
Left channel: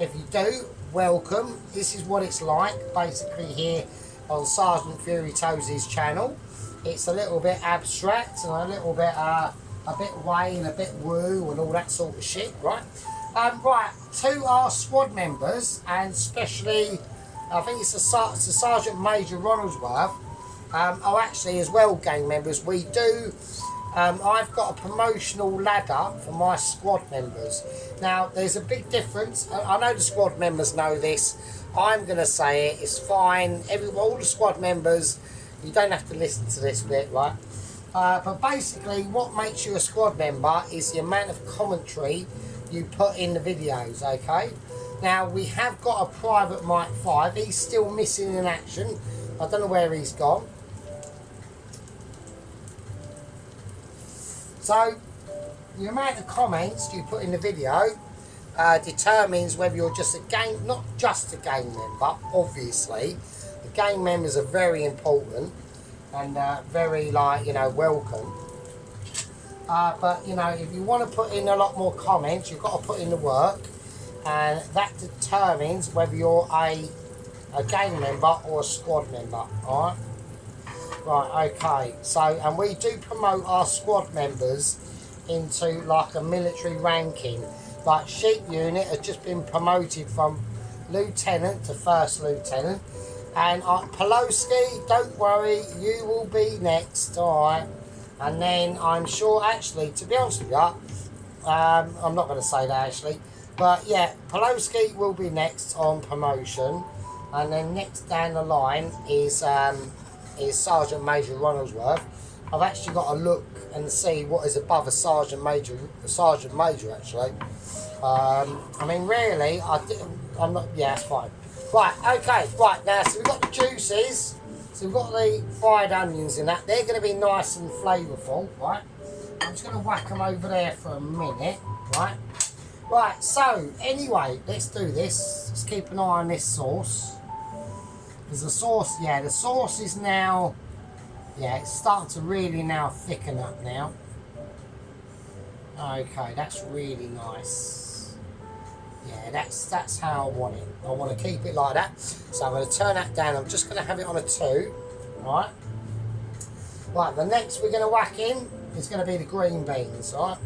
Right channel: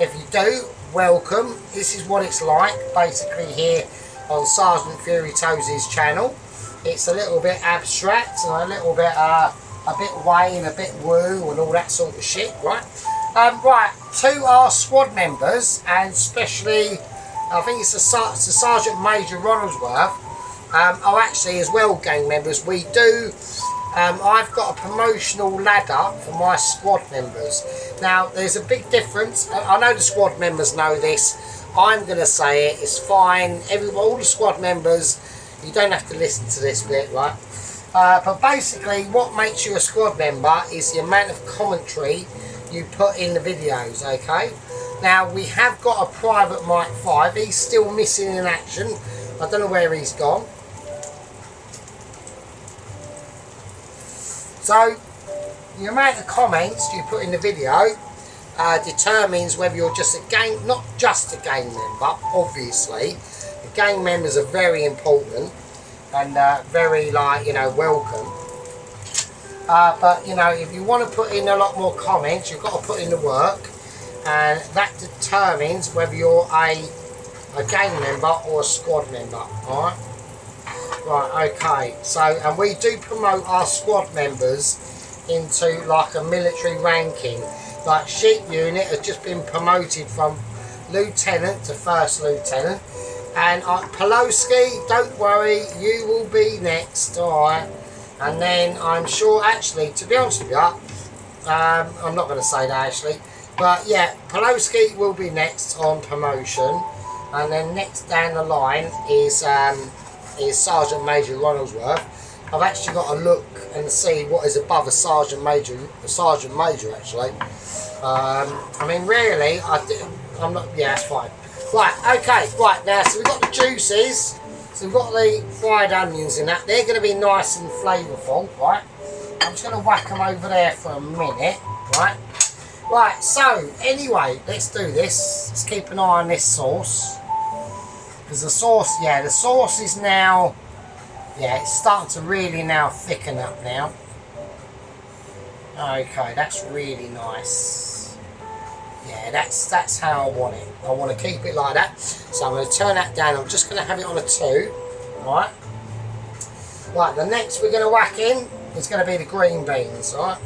If you do, welcome. This is what it's like basically here on Sergeant Fury Toes' channel. It's a little bit abstract and a little bit way and a bit woo and all that sort of shit, right? Right, to our squad members, and especially I think it's the Sergeant Major Ronaldsworth, are actually as well gang members. We do I've got a promotional ladder for my squad members. Now there's a big difference. I know the squad members know this. I'm going to say it. It's fine. All the squad members, you don't have to listen to this bit, right? But basically what makes you a squad member is the amount of commentary you put in the videos, okay? Now we have got a Private Mike 5. He's still missing in action. I don't know where he's gone. So the amount of comments you put in the video determines whether you're just a gang, not just a gang member, obviously. The gang members are very important and very, like, you know, welcome. But, you know, if you want to put in a lot more comments, you've got to put in the work, and that determines whether you're a gang member or a squad member, alright? Right, okay, so, and we do promote our squad members into like a military ranking. Like Sheep Unit has just been promoted from lieutenant to first lieutenant, and Pelosi, don't worry, you will be next, alright? And then I'm sure, actually, to be honest with you, I'm not going to say that actually, but yeah, Pelosi will be next on promotion, and then next down the line is Sergeant Major Ronaldsworth. I've actually got to look and see what is above a Sergeant Major actually. I mean, really, I'm not, yeah, that's fine. Right, okay, right, now, so we've got the juices, so we've got the fried onions in that. They're going to be nice and flavourful, right? I'm just going to whack them over there for a minute, right? Right, so, anyway, let's do this. Let's keep an eye on this sauce. Because the sauce, yeah, the sauce is now, yeah, it's starting to really now thicken up now. Okay, that's really nice. Yeah, that's how I want it. I want to keep it like that. So I'm going to turn that down. I'm just going to have it on a 2, right? Right, the next we're going to whack in is going to be the green beans, right?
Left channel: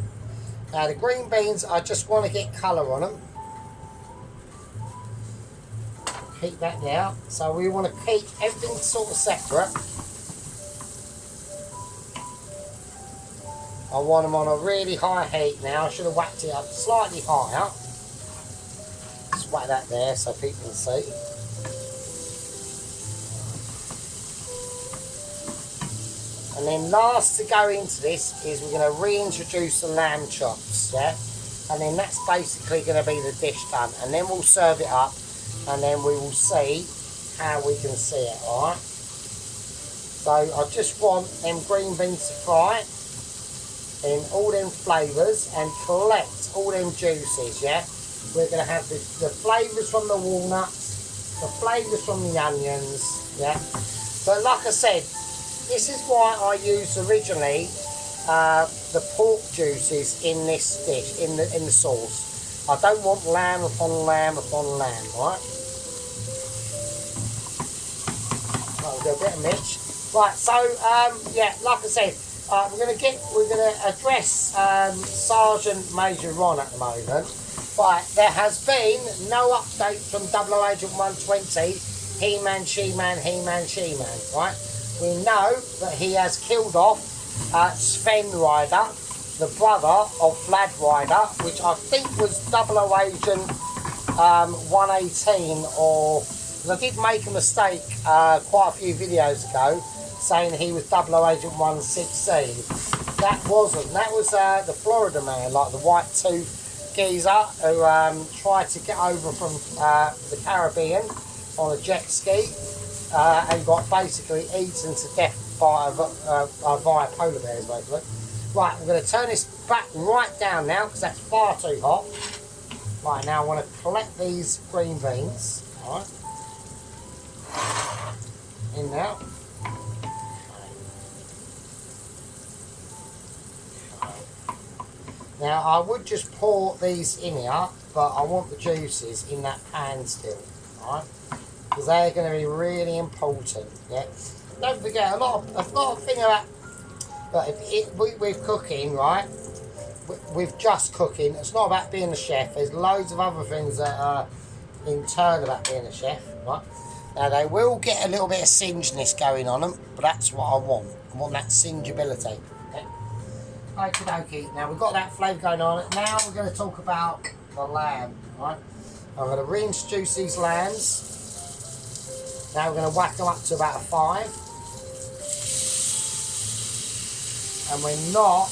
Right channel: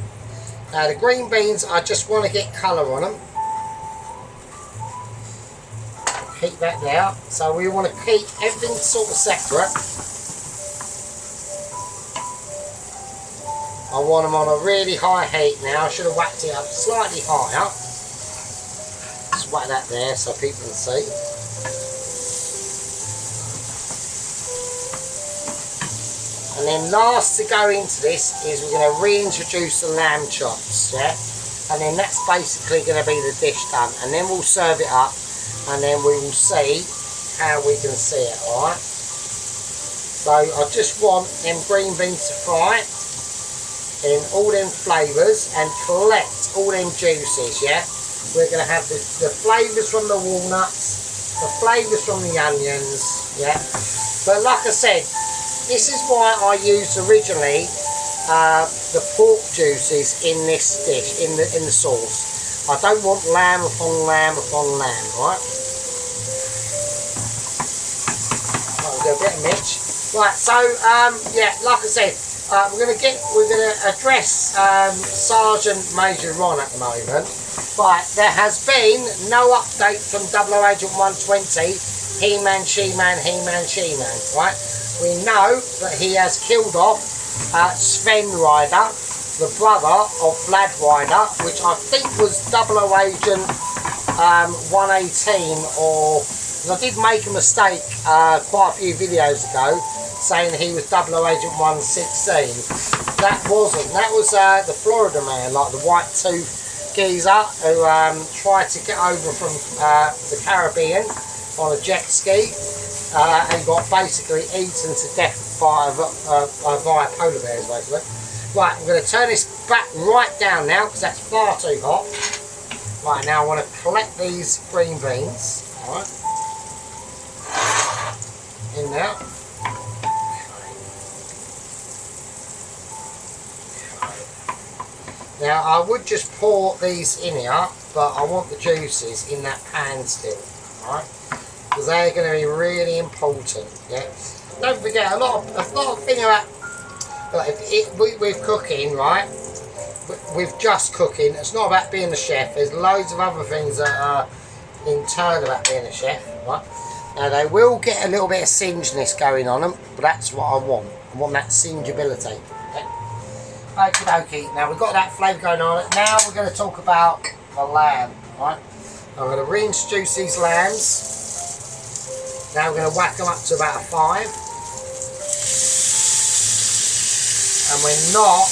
Now the green beans, I just want to get colour on them. Keep that there. So we want to keep everything sort of separate. I want them on a really high heat now. I should have whacked it up slightly higher. Just whack that there so people can see. And then last to go into this is we're going to reintroduce the lamb chops, yeah? And then that's basically going to be the dish done. And then we'll serve it up. And then we will see how we can see it, alright? So I just want them green beans to fry in all them flavours and collect all them juices, yeah? We're going to have the flavours from the walnuts, the flavours from the onions, yeah? But like I said, this is why I used originally the pork juices in this dish, in the sauce. I don't want lamb upon lamb upon lamb, right? I'll do a bit of Mitch. Right, so yeah, like I said, we're gonna address Sergeant Major Ron at the moment. But there has been no update from 00 Agent 120, He-Man, She-Man, He-Man, She-Man, right? We know that he has killed off Sven Ryder, the brother of Vlad Ryder, which I think was 00 Agent 118, or I did make a mistake quite a few videos ago saying he was 00 Agent 116. That wasn't. That was the Florida man, like the white tooth geezer who tried to get over from the Caribbean on a jet ski and got basically eaten to death by polar bears, basically. Right, I'm going to turn this back right down now because that's far too hot. Right, now I want to collect these green beans. Alright. In there. Now I would just pour these in here, but I want the juices in that pan still. Alright. Because they're going to be really important. Yeah. Don't forget a lot of thing about with cooking, right? With just cooking, it's not about being a chef. There's loads of other things that are in turn about being a chef, right? Now they will get a little bit of singiness going on them, but that's what I want. I want that singeability. Okay. Okie dokie. Now we've got that flavour going on. Now we're going to talk about the lamb, right? I'm going to reintroduce these lambs. Now we're going to whack them up to about a 5. And we're not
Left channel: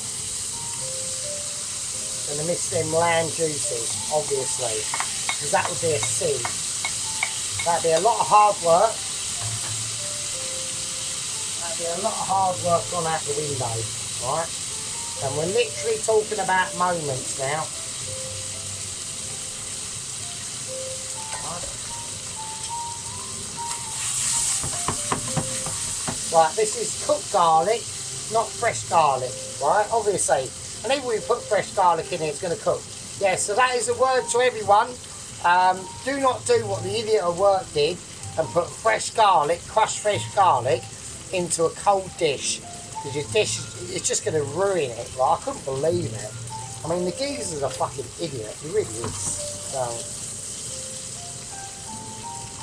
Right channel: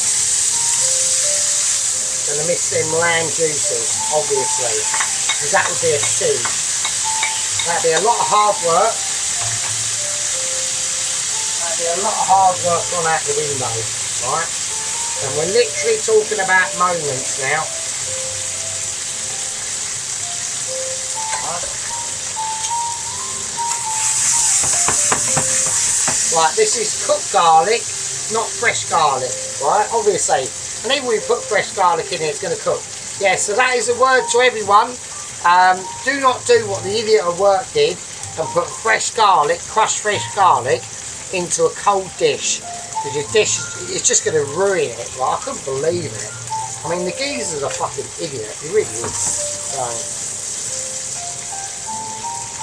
going to miss them lamb juices, obviously, because that would be a sin. That'd be a lot of hard work. That'd be a lot of hard work gone out the window, right? And we're literally talking about moments now. Right, this is cooked garlic, not fresh garlic, right? Obviously. And even when we put fresh garlic in it, it's going to cook. Yeah, so that is a word to everyone. Do not do what the idiot at work did and put fresh garlic, crushed fresh garlic, into a cold dish. Because your dish, it's just going to ruin it. Right? I couldn't believe it. I mean, the geezer's a fucking idiot. He really is. So,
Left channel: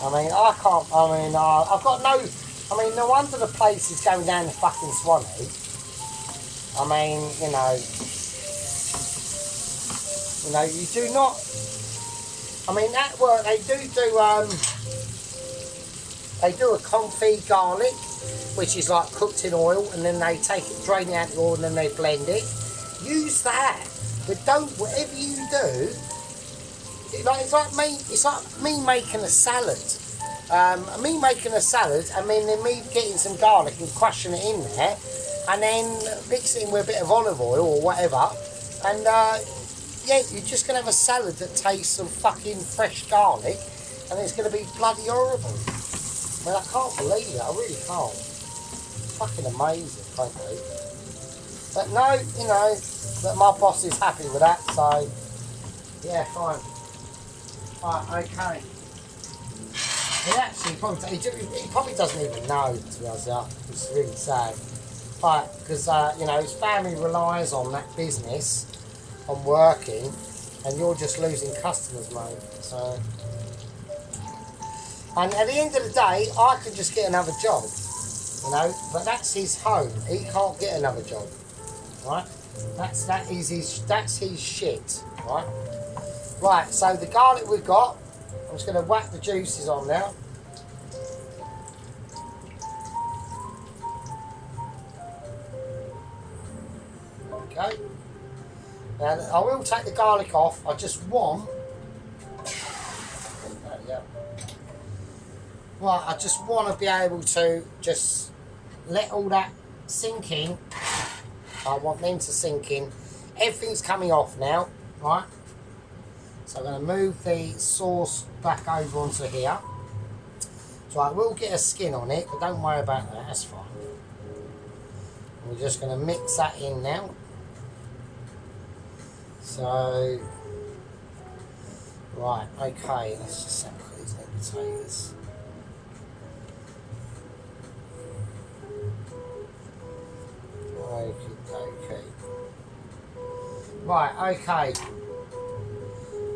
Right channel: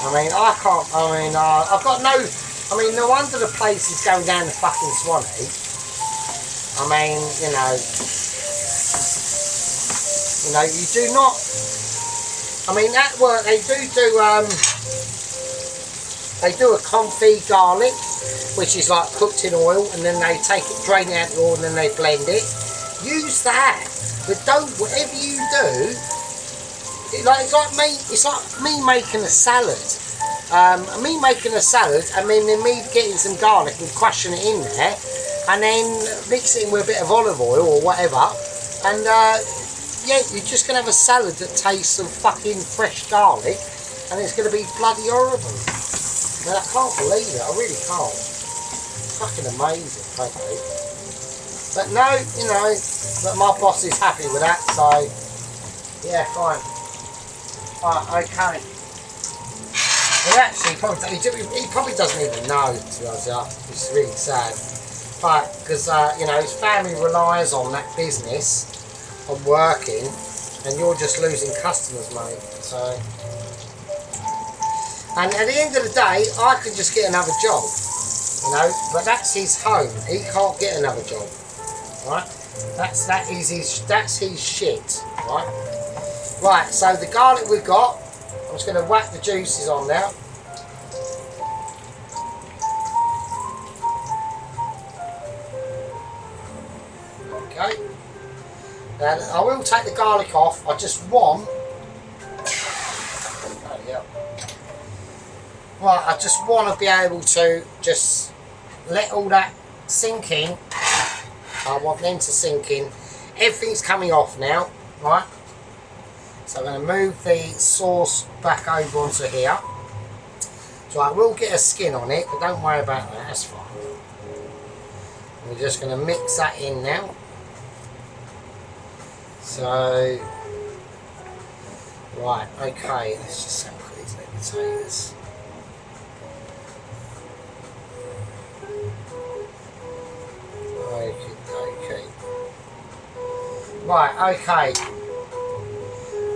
I mean, I can't, I've got no, no wonder the place is going down the fucking Swanee. I mean, you know, you do not, that work, they do a confit garlic, which is like cooked in oil, and then they take it, drain it out the oil, and then they blend it. Use that, but don't, whatever you do, it's like me making a salad. Me making a salad, and then me getting some garlic and crushing it in there, and then mix it in with a bit of olive oil or whatever, and yeah, you're just going to have a salad that tastes of fucking fresh garlic, and it's going to be bloody horrible. Man, I can't believe it, I really can't. It's fucking amazing, frankly. But no, you know, but my boss is happy with that, so yeah, fine. Right, okay. He actually he probably doesn't even know, to be honest. It's really sad. But because you know, his family relies on that business, on working, and you're just losing customers, mate. So, and at the end of the day, I could just get another job, you know. But that's his home. He can't get another job, right? That's his shit, right? Right. So the garlic we've got, I'm just going to whack the juices on now. Okay. Now I will take the garlic off. I just want. Right, I just want to be able to just let all that sink in. I want them to sink in. Everything's coming off now, right? So I'm going to move the sauce back over onto here. So I will get a skin on it, but don't worry about that, that's fine. We're just going to mix that in now. So, right, okay, let's just sample these potatoes. Okay. Right, okay.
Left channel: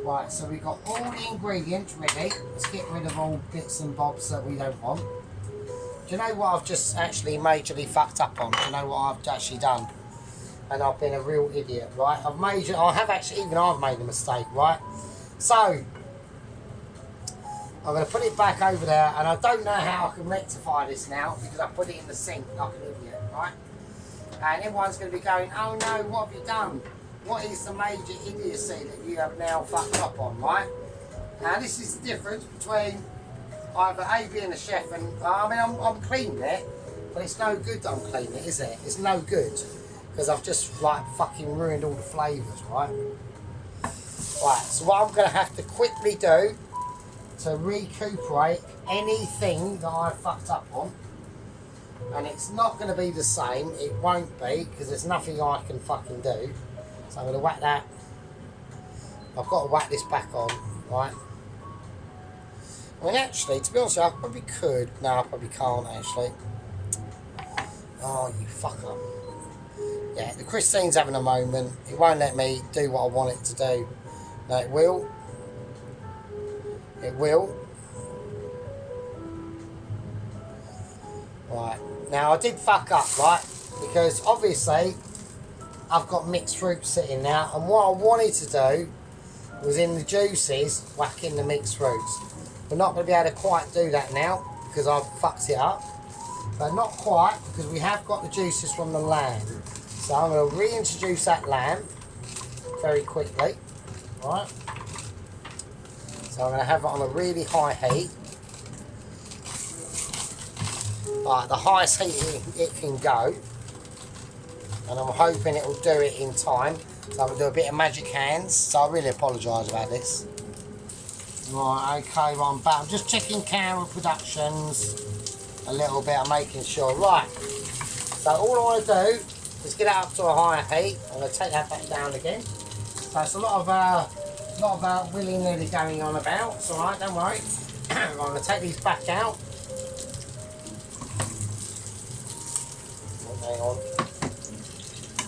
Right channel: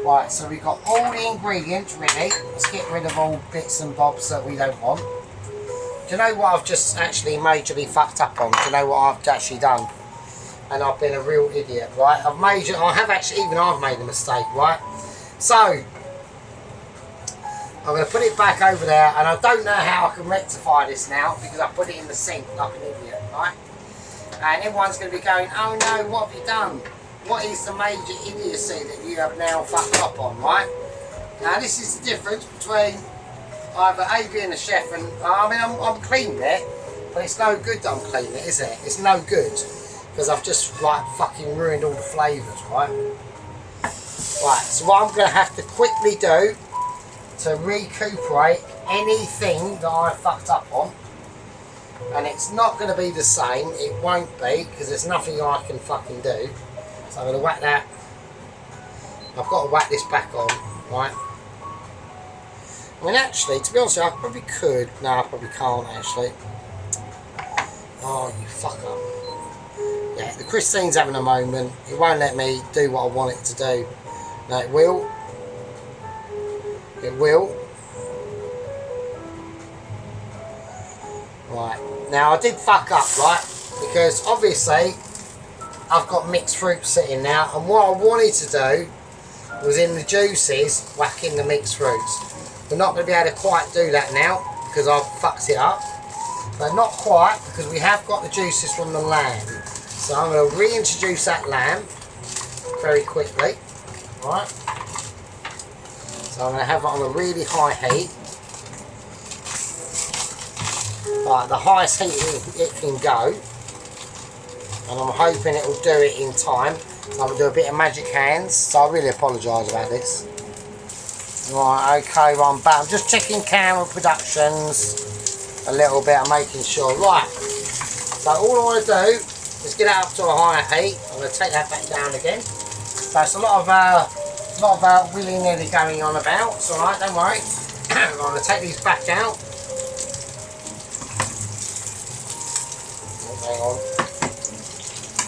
Right, so we've got all the ingredients ready. Let's get rid of all bits and bobs that we don't want. Do you know what I've just actually majorly fucked up on? Do you know what I've actually done? and I've been a real idiot, right? I've made a mistake, right? So I'm going to put it back over there, and I don't know how I can rectify this now because I put it in the sink like an idiot, right? And everyone's going to be going, oh no, what have you done? What is the major idiocy that you have now fucked up on, right? Now this is the difference between either A being a chef and, I mean, I'm clean there, but it's no good that I'm clean it, is it? It's no good, because I've just like fucking ruined all the flavours, right? Right, so what I'm going to have to quickly do to recuperate anything that I fucked up on, and it's not going to be the same, it won't be, because there's nothing I can fucking do. So I'm going to whack that, I've got to whack this back on, right? I mean, actually, to be honest, I probably could. No, I probably can't, actually. Oh, you fucker. Yeah, the Christine's having a moment. It won't let me do what I want it to do. No, it will. It will. Right. Now, I did fuck up, right? Because, obviously, I've got mixed fruit sitting now. And what I wanted to do was, in the juices, whack in the mixed fruits. We're not going to be able to quite do that now because I've fucked it up, but not quite, because we have got the juices from the lamb. So I'm going to reintroduce that lamb very quickly, right? So I'm going to have it on a really high heat, like the highest heat it can go, and I'm hoping it will do it in time. So I'm going to do a bit of magic hands, so I really apologise about this. Right, okay, well, I'm back. I'm just checking camera productions a little bit. I'm making sure. Right, so all I want to do is get it up to a higher heat. I'm going to take that back down again. So it's a lot of willy-nilly going on about. It's all right, don't worry. I'm going to take these back out. Hang on.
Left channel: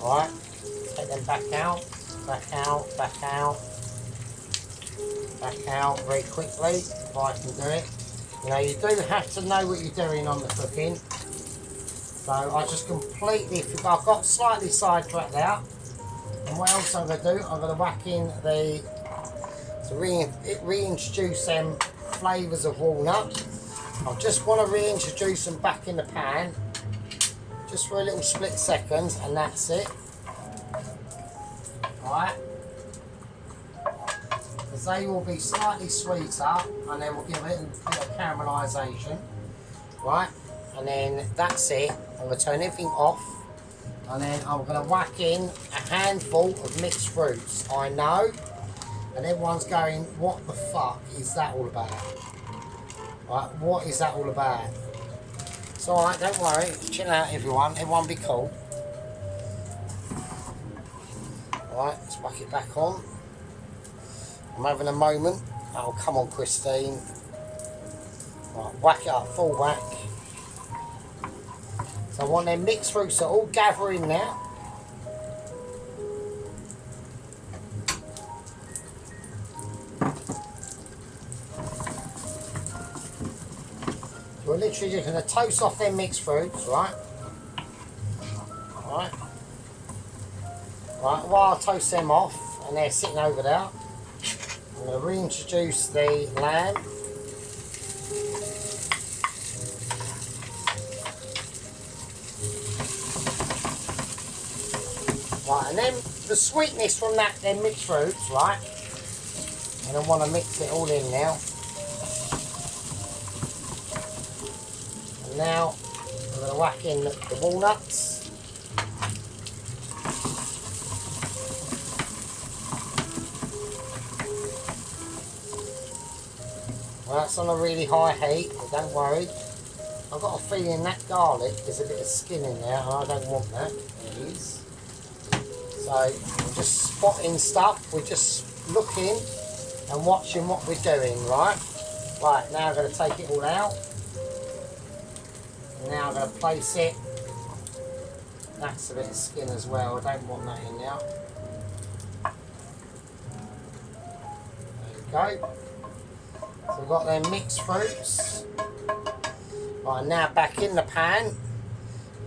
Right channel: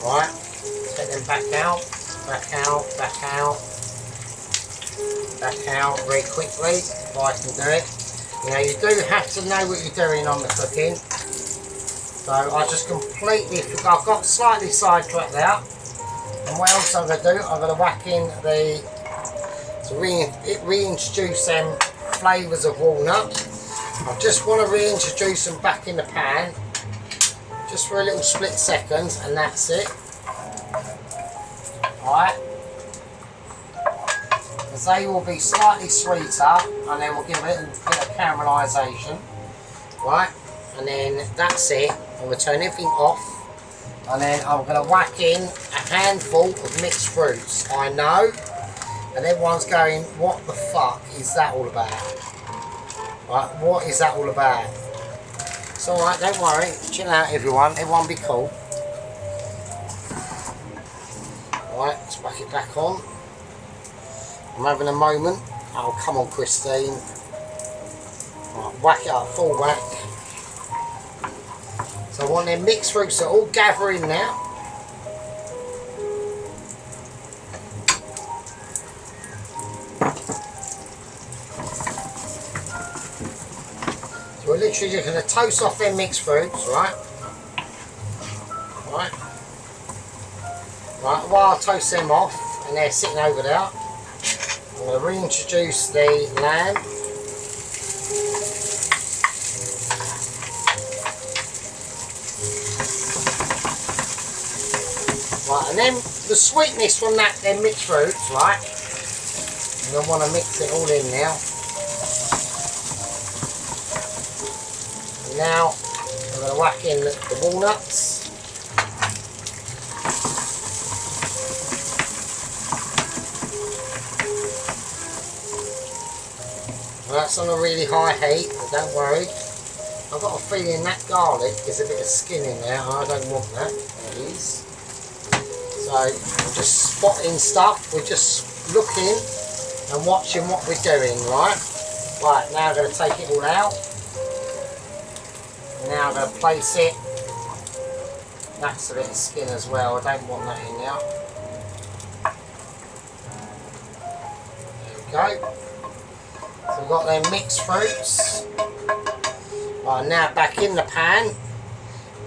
Right, take them back out, back out, back out. Back out very quickly, if I can do it. You know, you do have to know what you're doing on the cooking. So I just completely forgot. I've got slightly sidetracked out. And what else I'm going to do? I'm going to whack in the, to reintroduce them flavours of walnut. I just want to reintroduce them back in the pan, just for a little split second, and that's it. Alright. They will be slightly sweeter, and then we'll give it a bit of caramelisation, right? And then that's it. I'm going to turn everything off, and then I'm going to whack in a handful of mixed fruits. I know, and everyone's going, what the fuck is that all about? Right, what is that all about? It's alright, don't worry, chill out everyone be cool. Alright, let's whack it back on. I'm having a moment. Oh, come on, Christine. Right, whack it up, full whack. So I want them mixed fruits to all gather in now. So we're literally just going to toast off them mixed fruits, right? Right. Right, while I toast them off, and they're sitting over there, I'm going to reintroduce the lamb. Right, and then the sweetness from them mixed fruits, right? And I want to mix it all in now. And now I'm going to whack in the walnuts. That's on a really high heat, don't worry. I've got a feeling that garlic is a bit of skin in there, and I don't want that. There it is. So we're just spotting stuff, we're just looking and watching what we're doing, right? Right, now I'm going to take it all out. Now I'm going to place it. That's a bit of skin as well, I don't want that in now. There we go. So we've got them mixed fruits. Right, now back in the pan,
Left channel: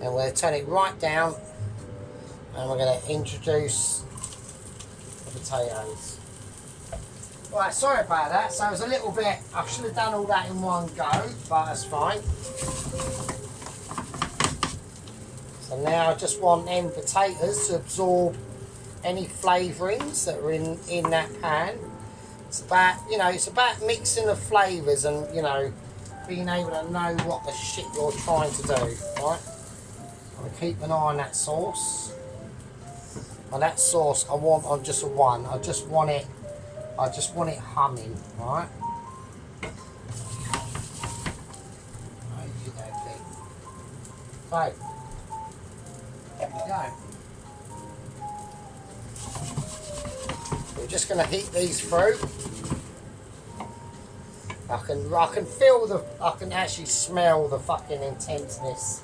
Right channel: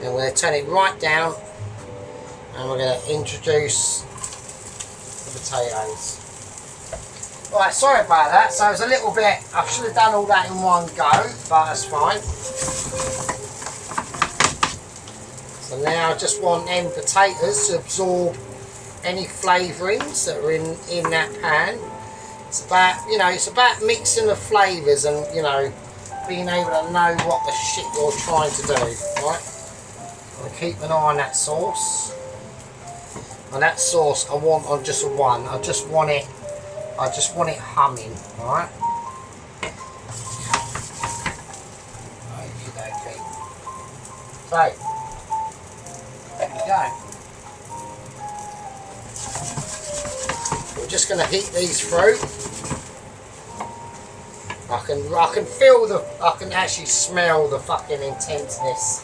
and we're going to turn it right down, And we're going to introduce the potatoes. Right, sorry about that. So it was a little bit, I should have done all that in one go, but that's fine. So now I just want them potatoes to absorb any flavourings that are in that pan. It's about, you know, it's about mixing the flavours and, you know, being able to know what the shit you're trying to do, right? I'm going to keep an eye on that sauce. And that sauce I want on just one. I just want it humming, right? Okay. So, there we go. We're just going to heat these through. I can actually smell the fucking intenseness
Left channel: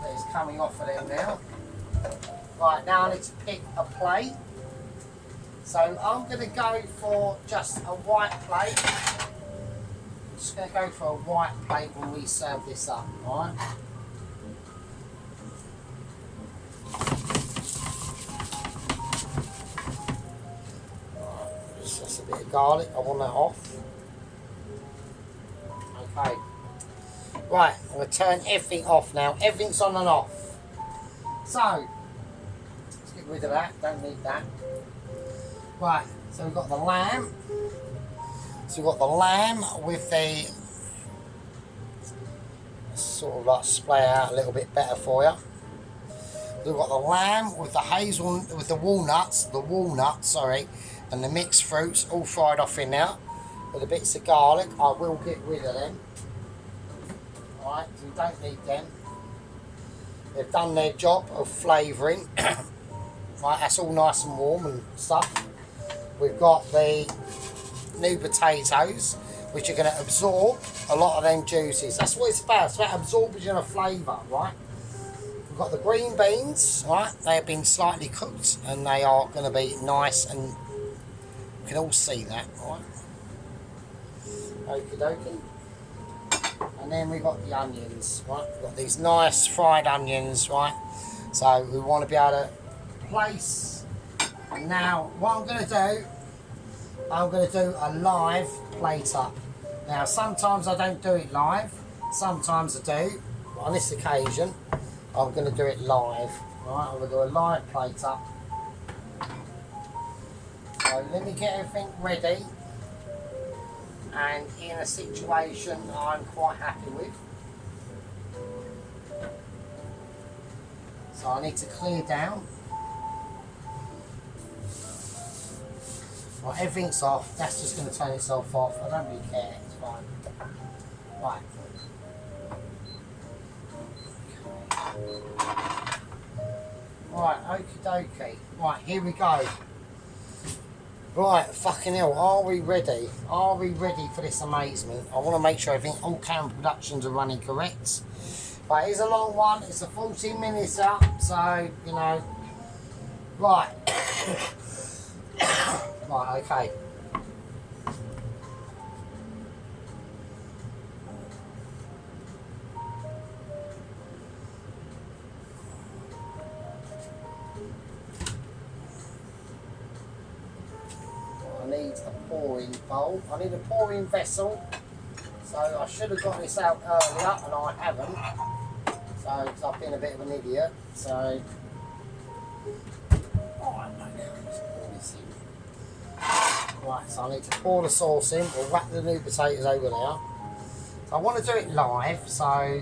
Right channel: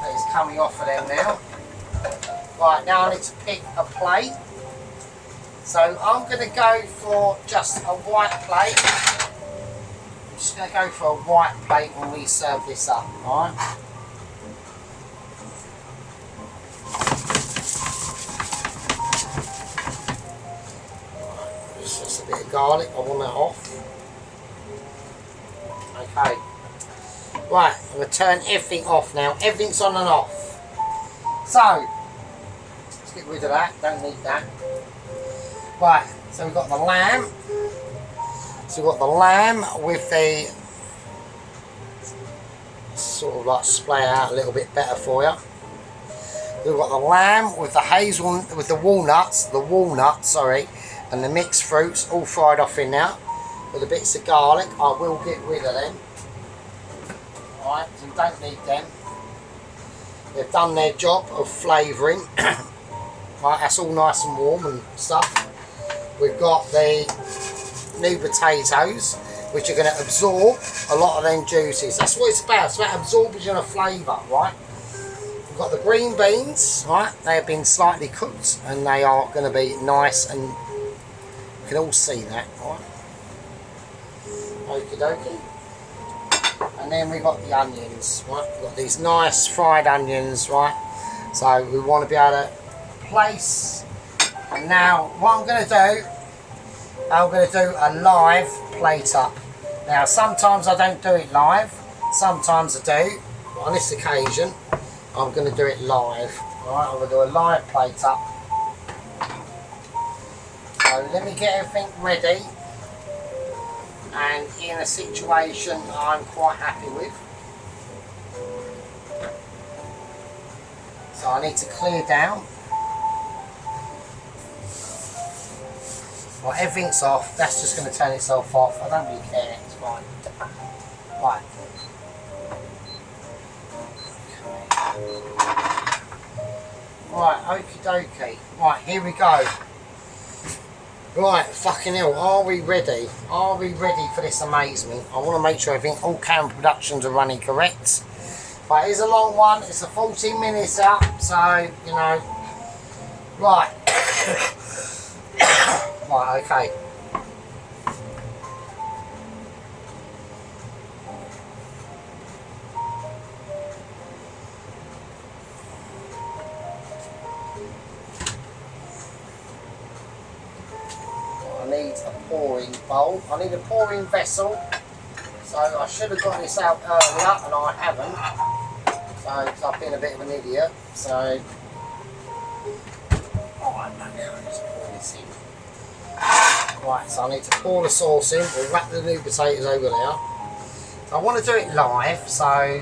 that is coming off of them now. Right, now I need to pick a plate. So I'm going to go for just a white plate. I'm just going to go for a white plate when we serve this up, alright? Just a bit of garlic, I want that off. Okay. Right, I'm going to turn everything off now. Everything's on and off. So, let's get rid of that, don't need that. Right, so we've got the lamb. So we've got the lamb with the sort of like splay out a little bit better for you. We've got the lamb with the with the walnuts, sorry, and the mixed fruits all fried off in now with the bits of garlic. I will get rid of them. Alright, so we don't need them. They've done their job of flavouring. Right, that's all nice and warm and stuff. We've got the new potatoes, which are going to absorb a lot of them juices. That's what it's about. It's about absorption of flavour, right? We've got the green beans, right? They have been slightly cooked, and they are going to be nice, and you can all see that, right? Okie dokie. And then we've got the onions, right? We've got these nice fried onions, right? So we want to be able to place. And now what I'm going to do a live plate up. Now sometimes I don't do it live, sometimes I do. On this occasion I'm going to do it live. Alright, I'm going to do a live plate up. So let me get everything ready and in a situation I'm quite happy with. So I need to clear down. Right, everything's off. That's just going to turn itself off. I don't really care. It's fine. Right. Okay. Right, okie dokie. Right, here we go. Right, fucking hell. Are we ready? Are we ready for this amazement? I want to make sure everything, all camera productions are running correct. Right, here's a long one. It's a 14 minutes up, so, you know. Right. Right, okay. I need a pouring bowl. I need a pouring vessel. So I should have got this out earlier, and I haven't. So I've been a bit of an idiot. So, let's pour this in. Right, so I need to pour the sauce in. We'll wrap the new potatoes over there. So I want to do it live, so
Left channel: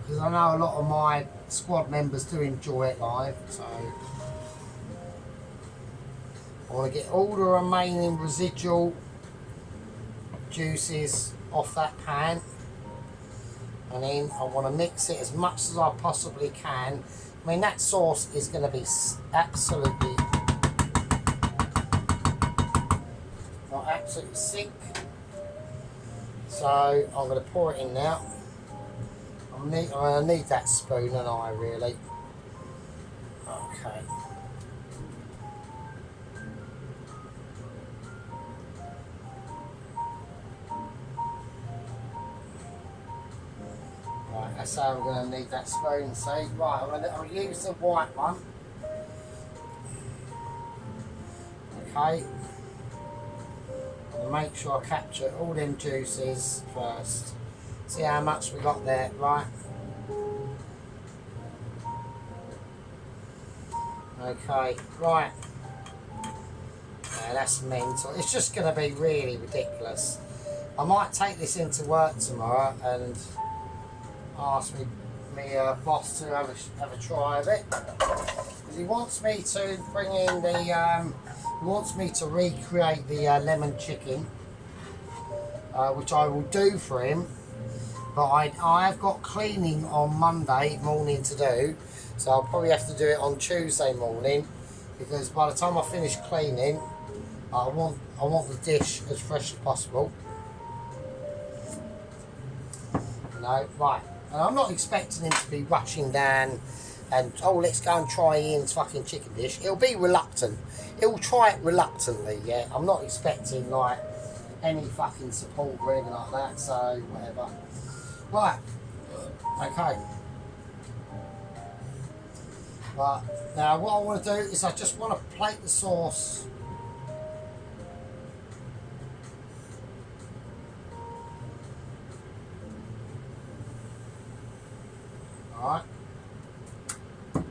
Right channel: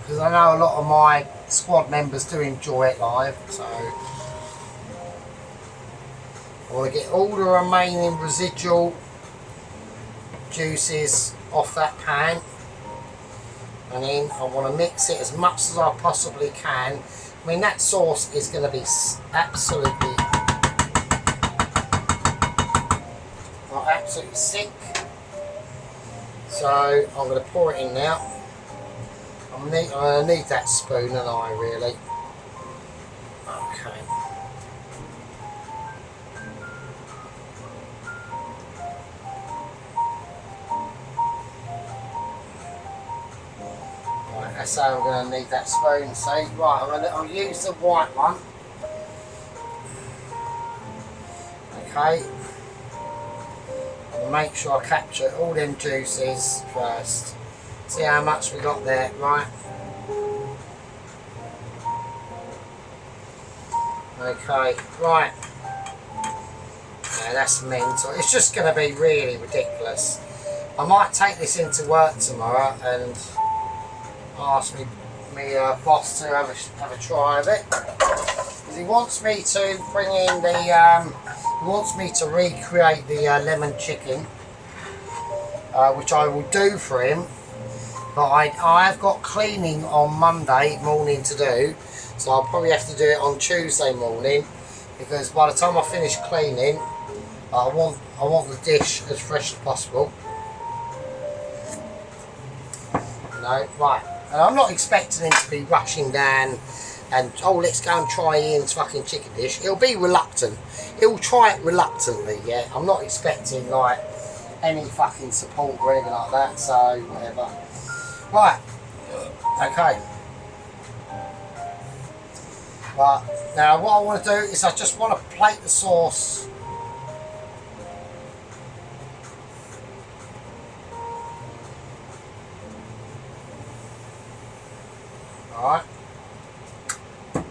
because I know a lot of my squad members do enjoy it live. So I want to get all the remaining residual juices off that pan, and then I want to mix it as much as I possibly can. I mean, that sauce is going to be absolutely sick. So I'm going to pour it in now. I'm going to need that spoon, and I really. Okay. Right, that's how I'm going to need that spoon. So right, I'll use the white one. Okay. And make sure I capture all them juices first. See how much we got there, right? Okay, right. Yeah, that's mental. It's just going to be really ridiculous. I might take this into work tomorrow and ask me boss to have a try of it. Because he wants me to bring in the, he wants me to recreate the lemon chicken, which I will do for him. But I've got cleaning on Monday morning to do, so I'll probably have to do it on Tuesday morning, because by the time I finish cleaning, I want the dish as fresh as possible. You know, right? And I'm not expecting him to be rushing down and, oh, let's go and try Ian's fucking chicken dish. He'll be reluctant. He'll try it reluctantly. Yeah, I'm not expecting like any fucking support or anything like that. So whatever. Right, okay. But now what I want to do is I just want to plate the sauce. Alright,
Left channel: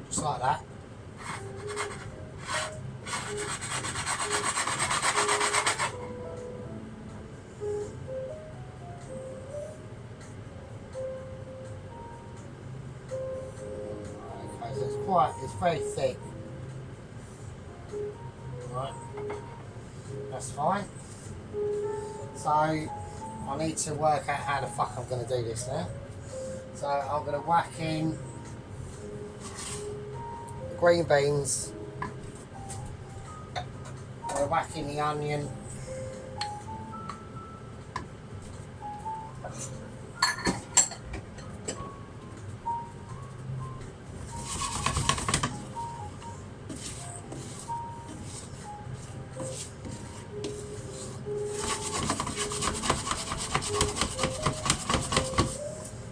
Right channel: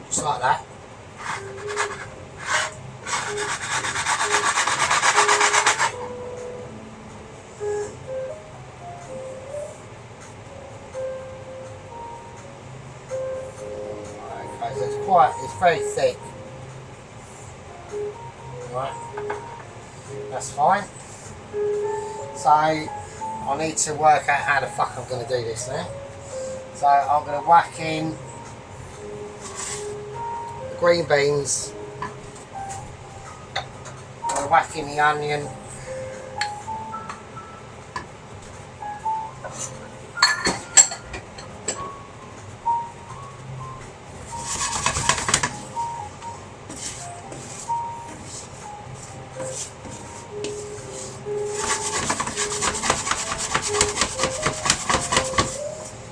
just like that. It's very thick. Right, that's fine. So I need to work out how the fuck I'm going to do this now. So I'm going to whack in the green beans. I'm going to whack in the onion.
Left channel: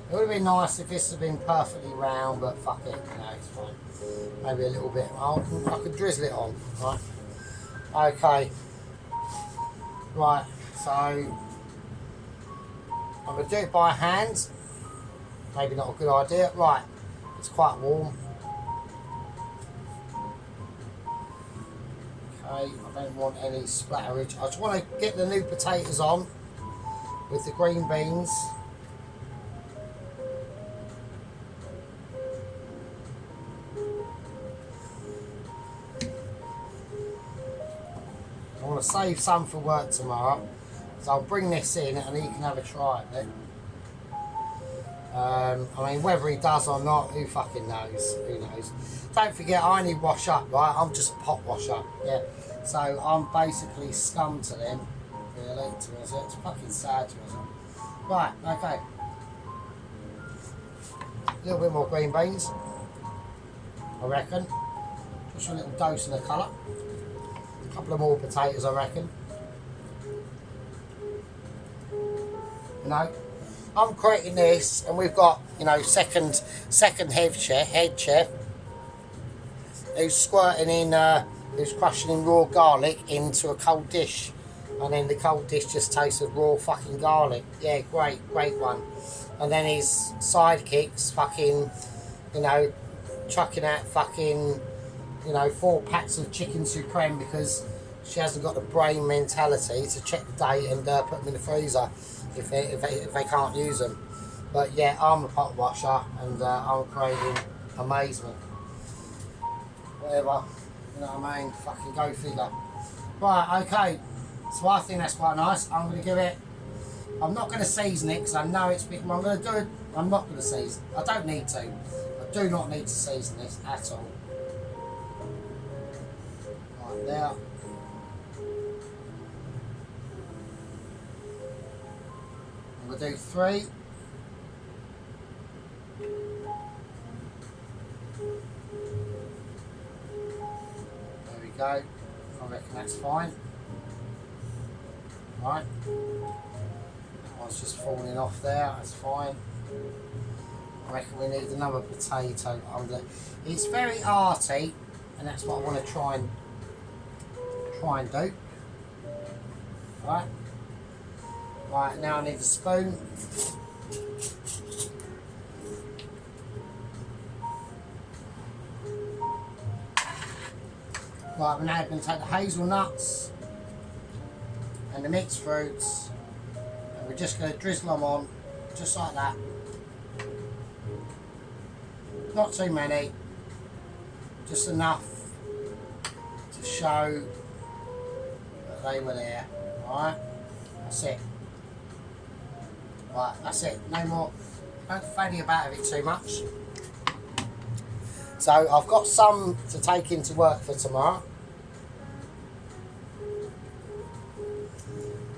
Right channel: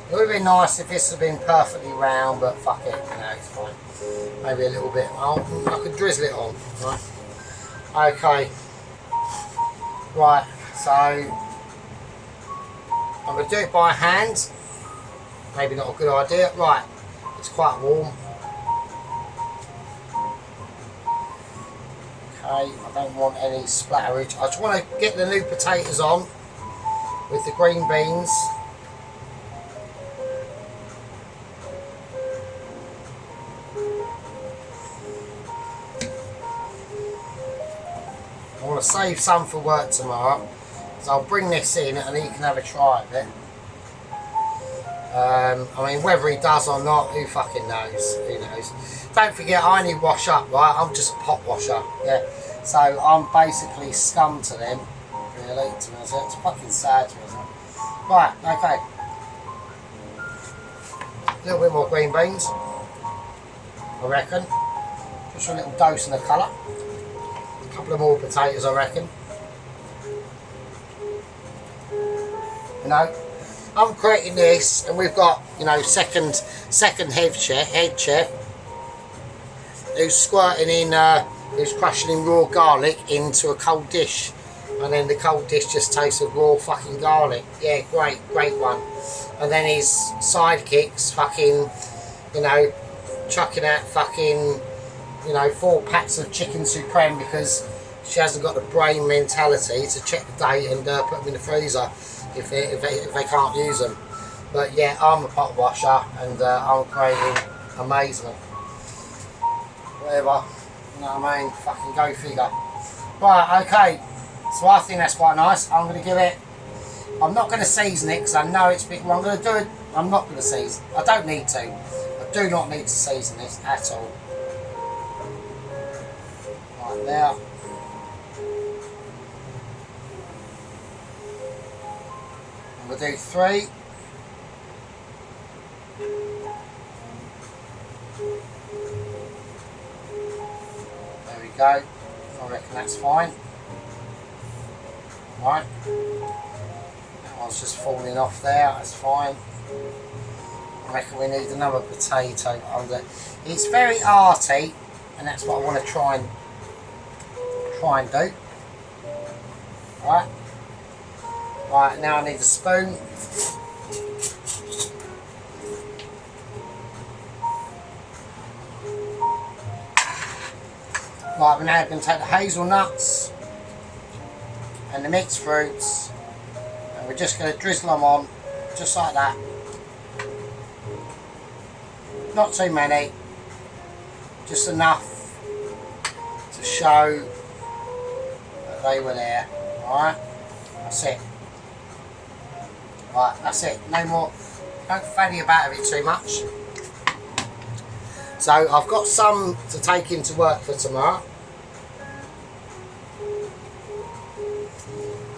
It would have been nice if this had been perfectly round, but fuck it, you know, it's fine. Maybe a little bit. I could drizzle it on, right? Okay. Right, so I'm going to do it by hand. Maybe not a good idea. Right, it's quite warm. Okay, I don't want any splatterage. I just want to get the new potatoes on with the green beans. I want to save some for work tomorrow, so I'll bring this in and he can have a try of it. I mean, whether he does or not, who fucking knows? Who knows? Don't forget, I only wash up, right? I'm just a pot washer, yeah. So I'm basically scum to them, really. To be honest, it's fucking sad to me. Right, okay. A little bit more green beans, I reckon. Just a little dose of the colour. A couple of more potatoes, I reckon. You know, I'm creating this, and we've got, you know, second head chef, who's squirting in, who's crushing in raw garlic into a cold dish, and then the cold dish just tastes of raw fucking garlic. Yeah, great one. And then his sidekicks fucking, you know, chucking out fucking, you know, 4 packs of chicken supreme because she hasn't got the brain mentality to check the date and put them in the freezer if they can't use them. But yeah, I'm a pot washer and I'm creating amazement. Whatever, you know what I mean? Fucking go figure. Right, okay. So I think that's quite nice. I'm going to give it. I'm not going to season it because I know it's big. Well, I'm going to do it. I'm not going to season. I don't need to. I do not need to season this at all. Right there. And we'll do 3. There we go. I reckon that's fine. Right. That one's just falling off there. That's fine. I reckon we need another potato under. It's very arty, and that's what I want to try try and do. Right. Right, now I need a spoon. Right, we're now going to take the hazelnuts and the mixed fruits, and we're just going to drizzle them on, just like that. Not too many, just enough to show that they were there. Alright, that's it. Right, that's it, no more. Don't fanny about with it too much. So I've got some to take into work for tomorrow.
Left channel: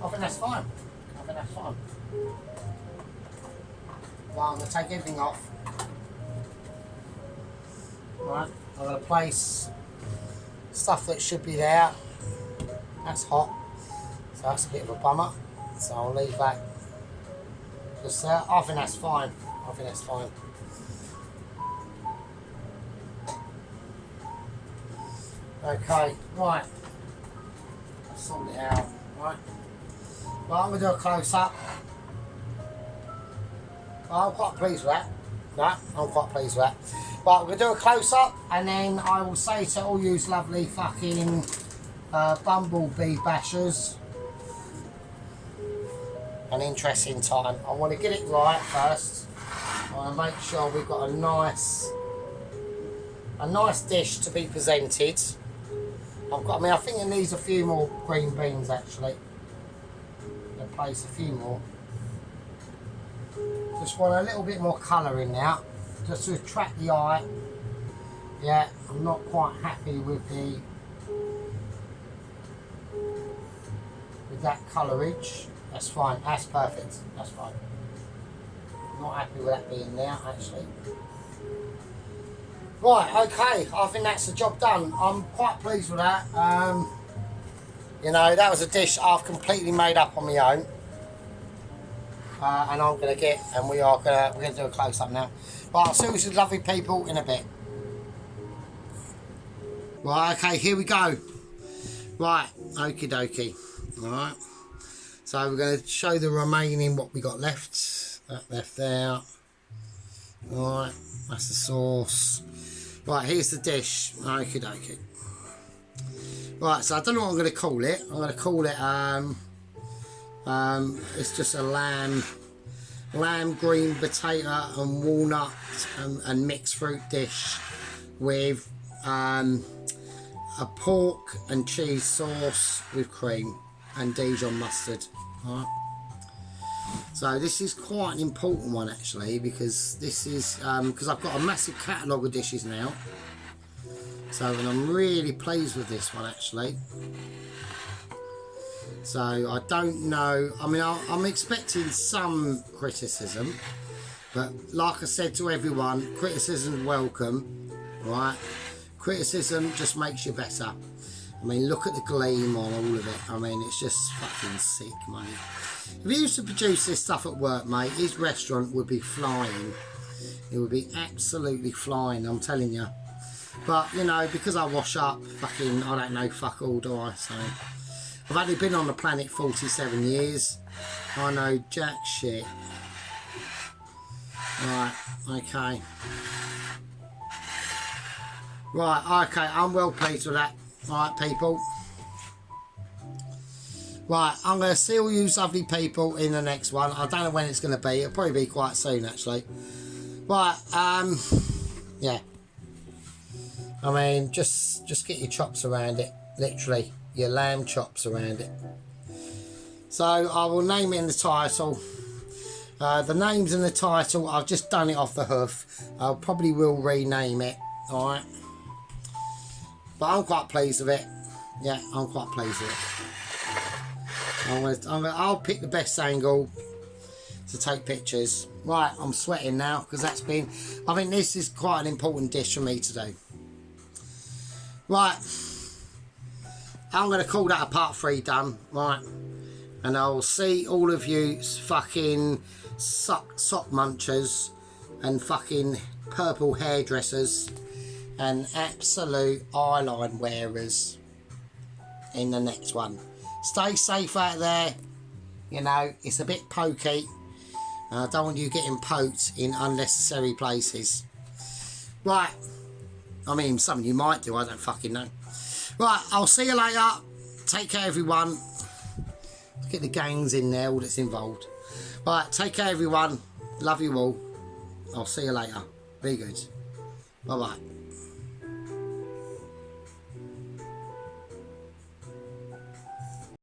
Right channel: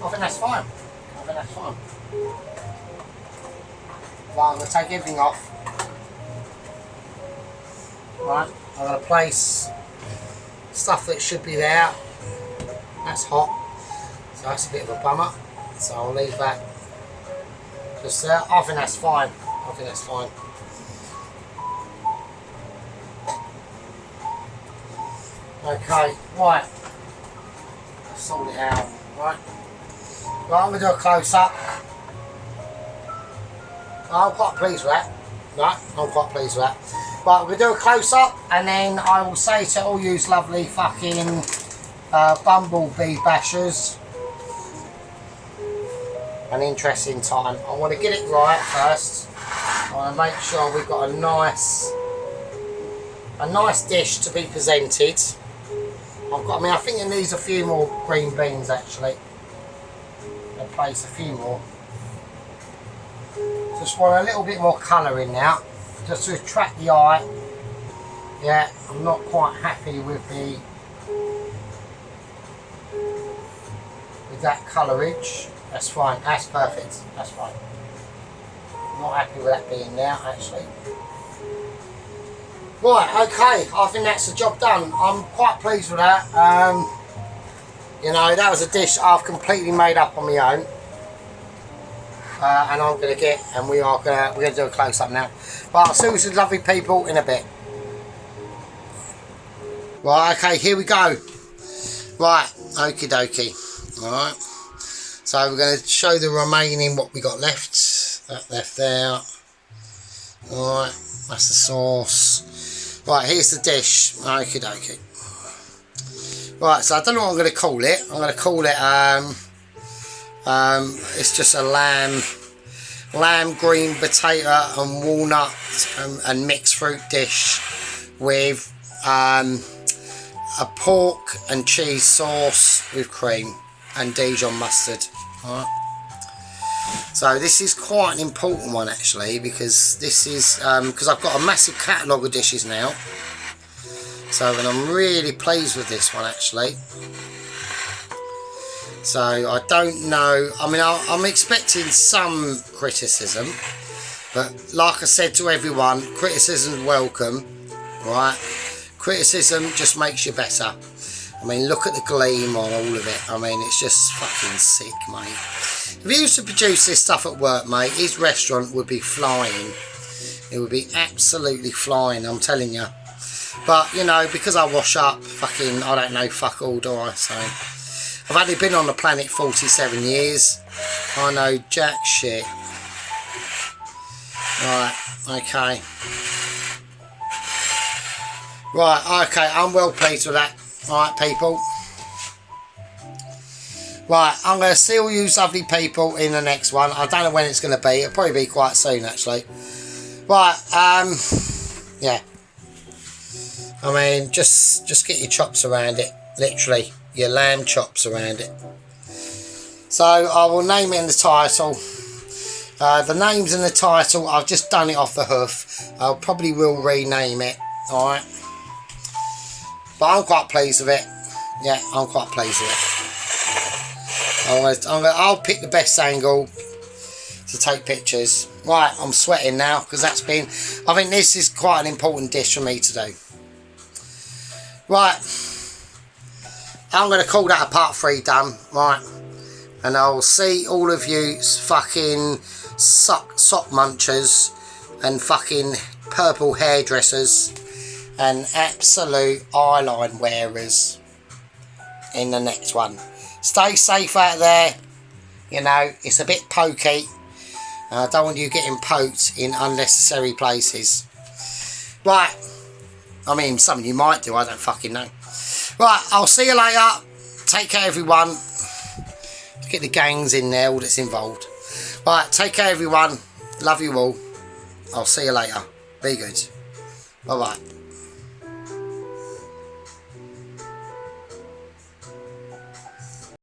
I think that's fine. I think that's fine. Right, I'm going to take everything off. Right, I'm going to place stuff that should be there. That's hot. So that's a bit of a bummer. So I'll leave that just there. I think that's fine. I think that's fine. Okay, right. Let's sort it out. Right. Right, I'm going to do a close-up. I'm quite pleased with that. Right, I'm quite pleased with that. Right, we're going to do a close-up, and then I will say to all you lovely fucking bumblebee bashers, an interesting time. I want to get it right first. I want to make sure we've got a nice dish to be presented. I think it needs a few more green beans actually. I'll place a few more. Just want a little bit more colour in now, just to attract the eye. Yeah, I'm not quite happy with that colourage. That's fine, that's perfect, that's fine. I'm not happy with that being there actually. Right, okay, I think that's the job done. I'm quite pleased with that. You know, that was a dish I've completely made up on my own. And I'm going to get, and we're going to do a close-up now. But I'll see you some lovely people in a bit. Right, okay, here we go. Right, okie dokie. Alright. So we're going to show the remaining what we got left. That left there. Alright, that's the sauce. Right, here's the dish. Okie dokie. Right, so I don't know what I'm going to call it. I'm going to call it, it's just a lamb, green potato and walnut and mixed fruit dish with a pork and cheese sauce with cream and Dijon mustard. All right. So this is quite an important one actually, because this is because I've got a massive catalogue of dishes now. So, and I'm really pleased with this one actually. So I don't know, I mean I'm expecting some criticism, but like I said to everyone, criticism's welcome, right? Criticism just makes you better. I mean, look at the gleam on all of it. I mean, it's just fucking sick, mate. If he used to produce this stuff at work, mate, his restaurant would be flying. It would be absolutely flying, I'm telling you. But, you know, because I wash up, fucking, I don't know fuck all, do I? So, I've only been on the planet 47 years. I know jack shit. Right, okay. Right, okay, I'm well pleased with that. Right, people. Right, I'm going to see all you lovely people in the next one. I don't know when it's going to be. It'll probably be quite soon, actually. Right, yeah. I mean, just get your chops around it. Literally, your lamb chops around it. So, I will name it in the title. The name's in the title. I've just done it off the hoof. I probably will rename it. Alright. But I'm quite pleased with it. Yeah, I'm quite pleased with it. I'll pick the best angle to take pictures. Right, I'm sweating now because I think this is quite an important dish for me to do. Right, I'm going to call that a part 3 done. Right, and I'll see all of you fucking sock munchers and fucking purple hairdressers and absolute eyeline wearers in the next one. Stay safe out there. You know, it's a bit pokey. I don't want you getting poked in unnecessary places. Right. I mean, some of you might do, I don't fucking know. Right, I'll see you later. Take care, everyone. Get the gangs in there, all that's involved. Right, take care, everyone. Love you all. I'll see you later. Be good. Bye-bye.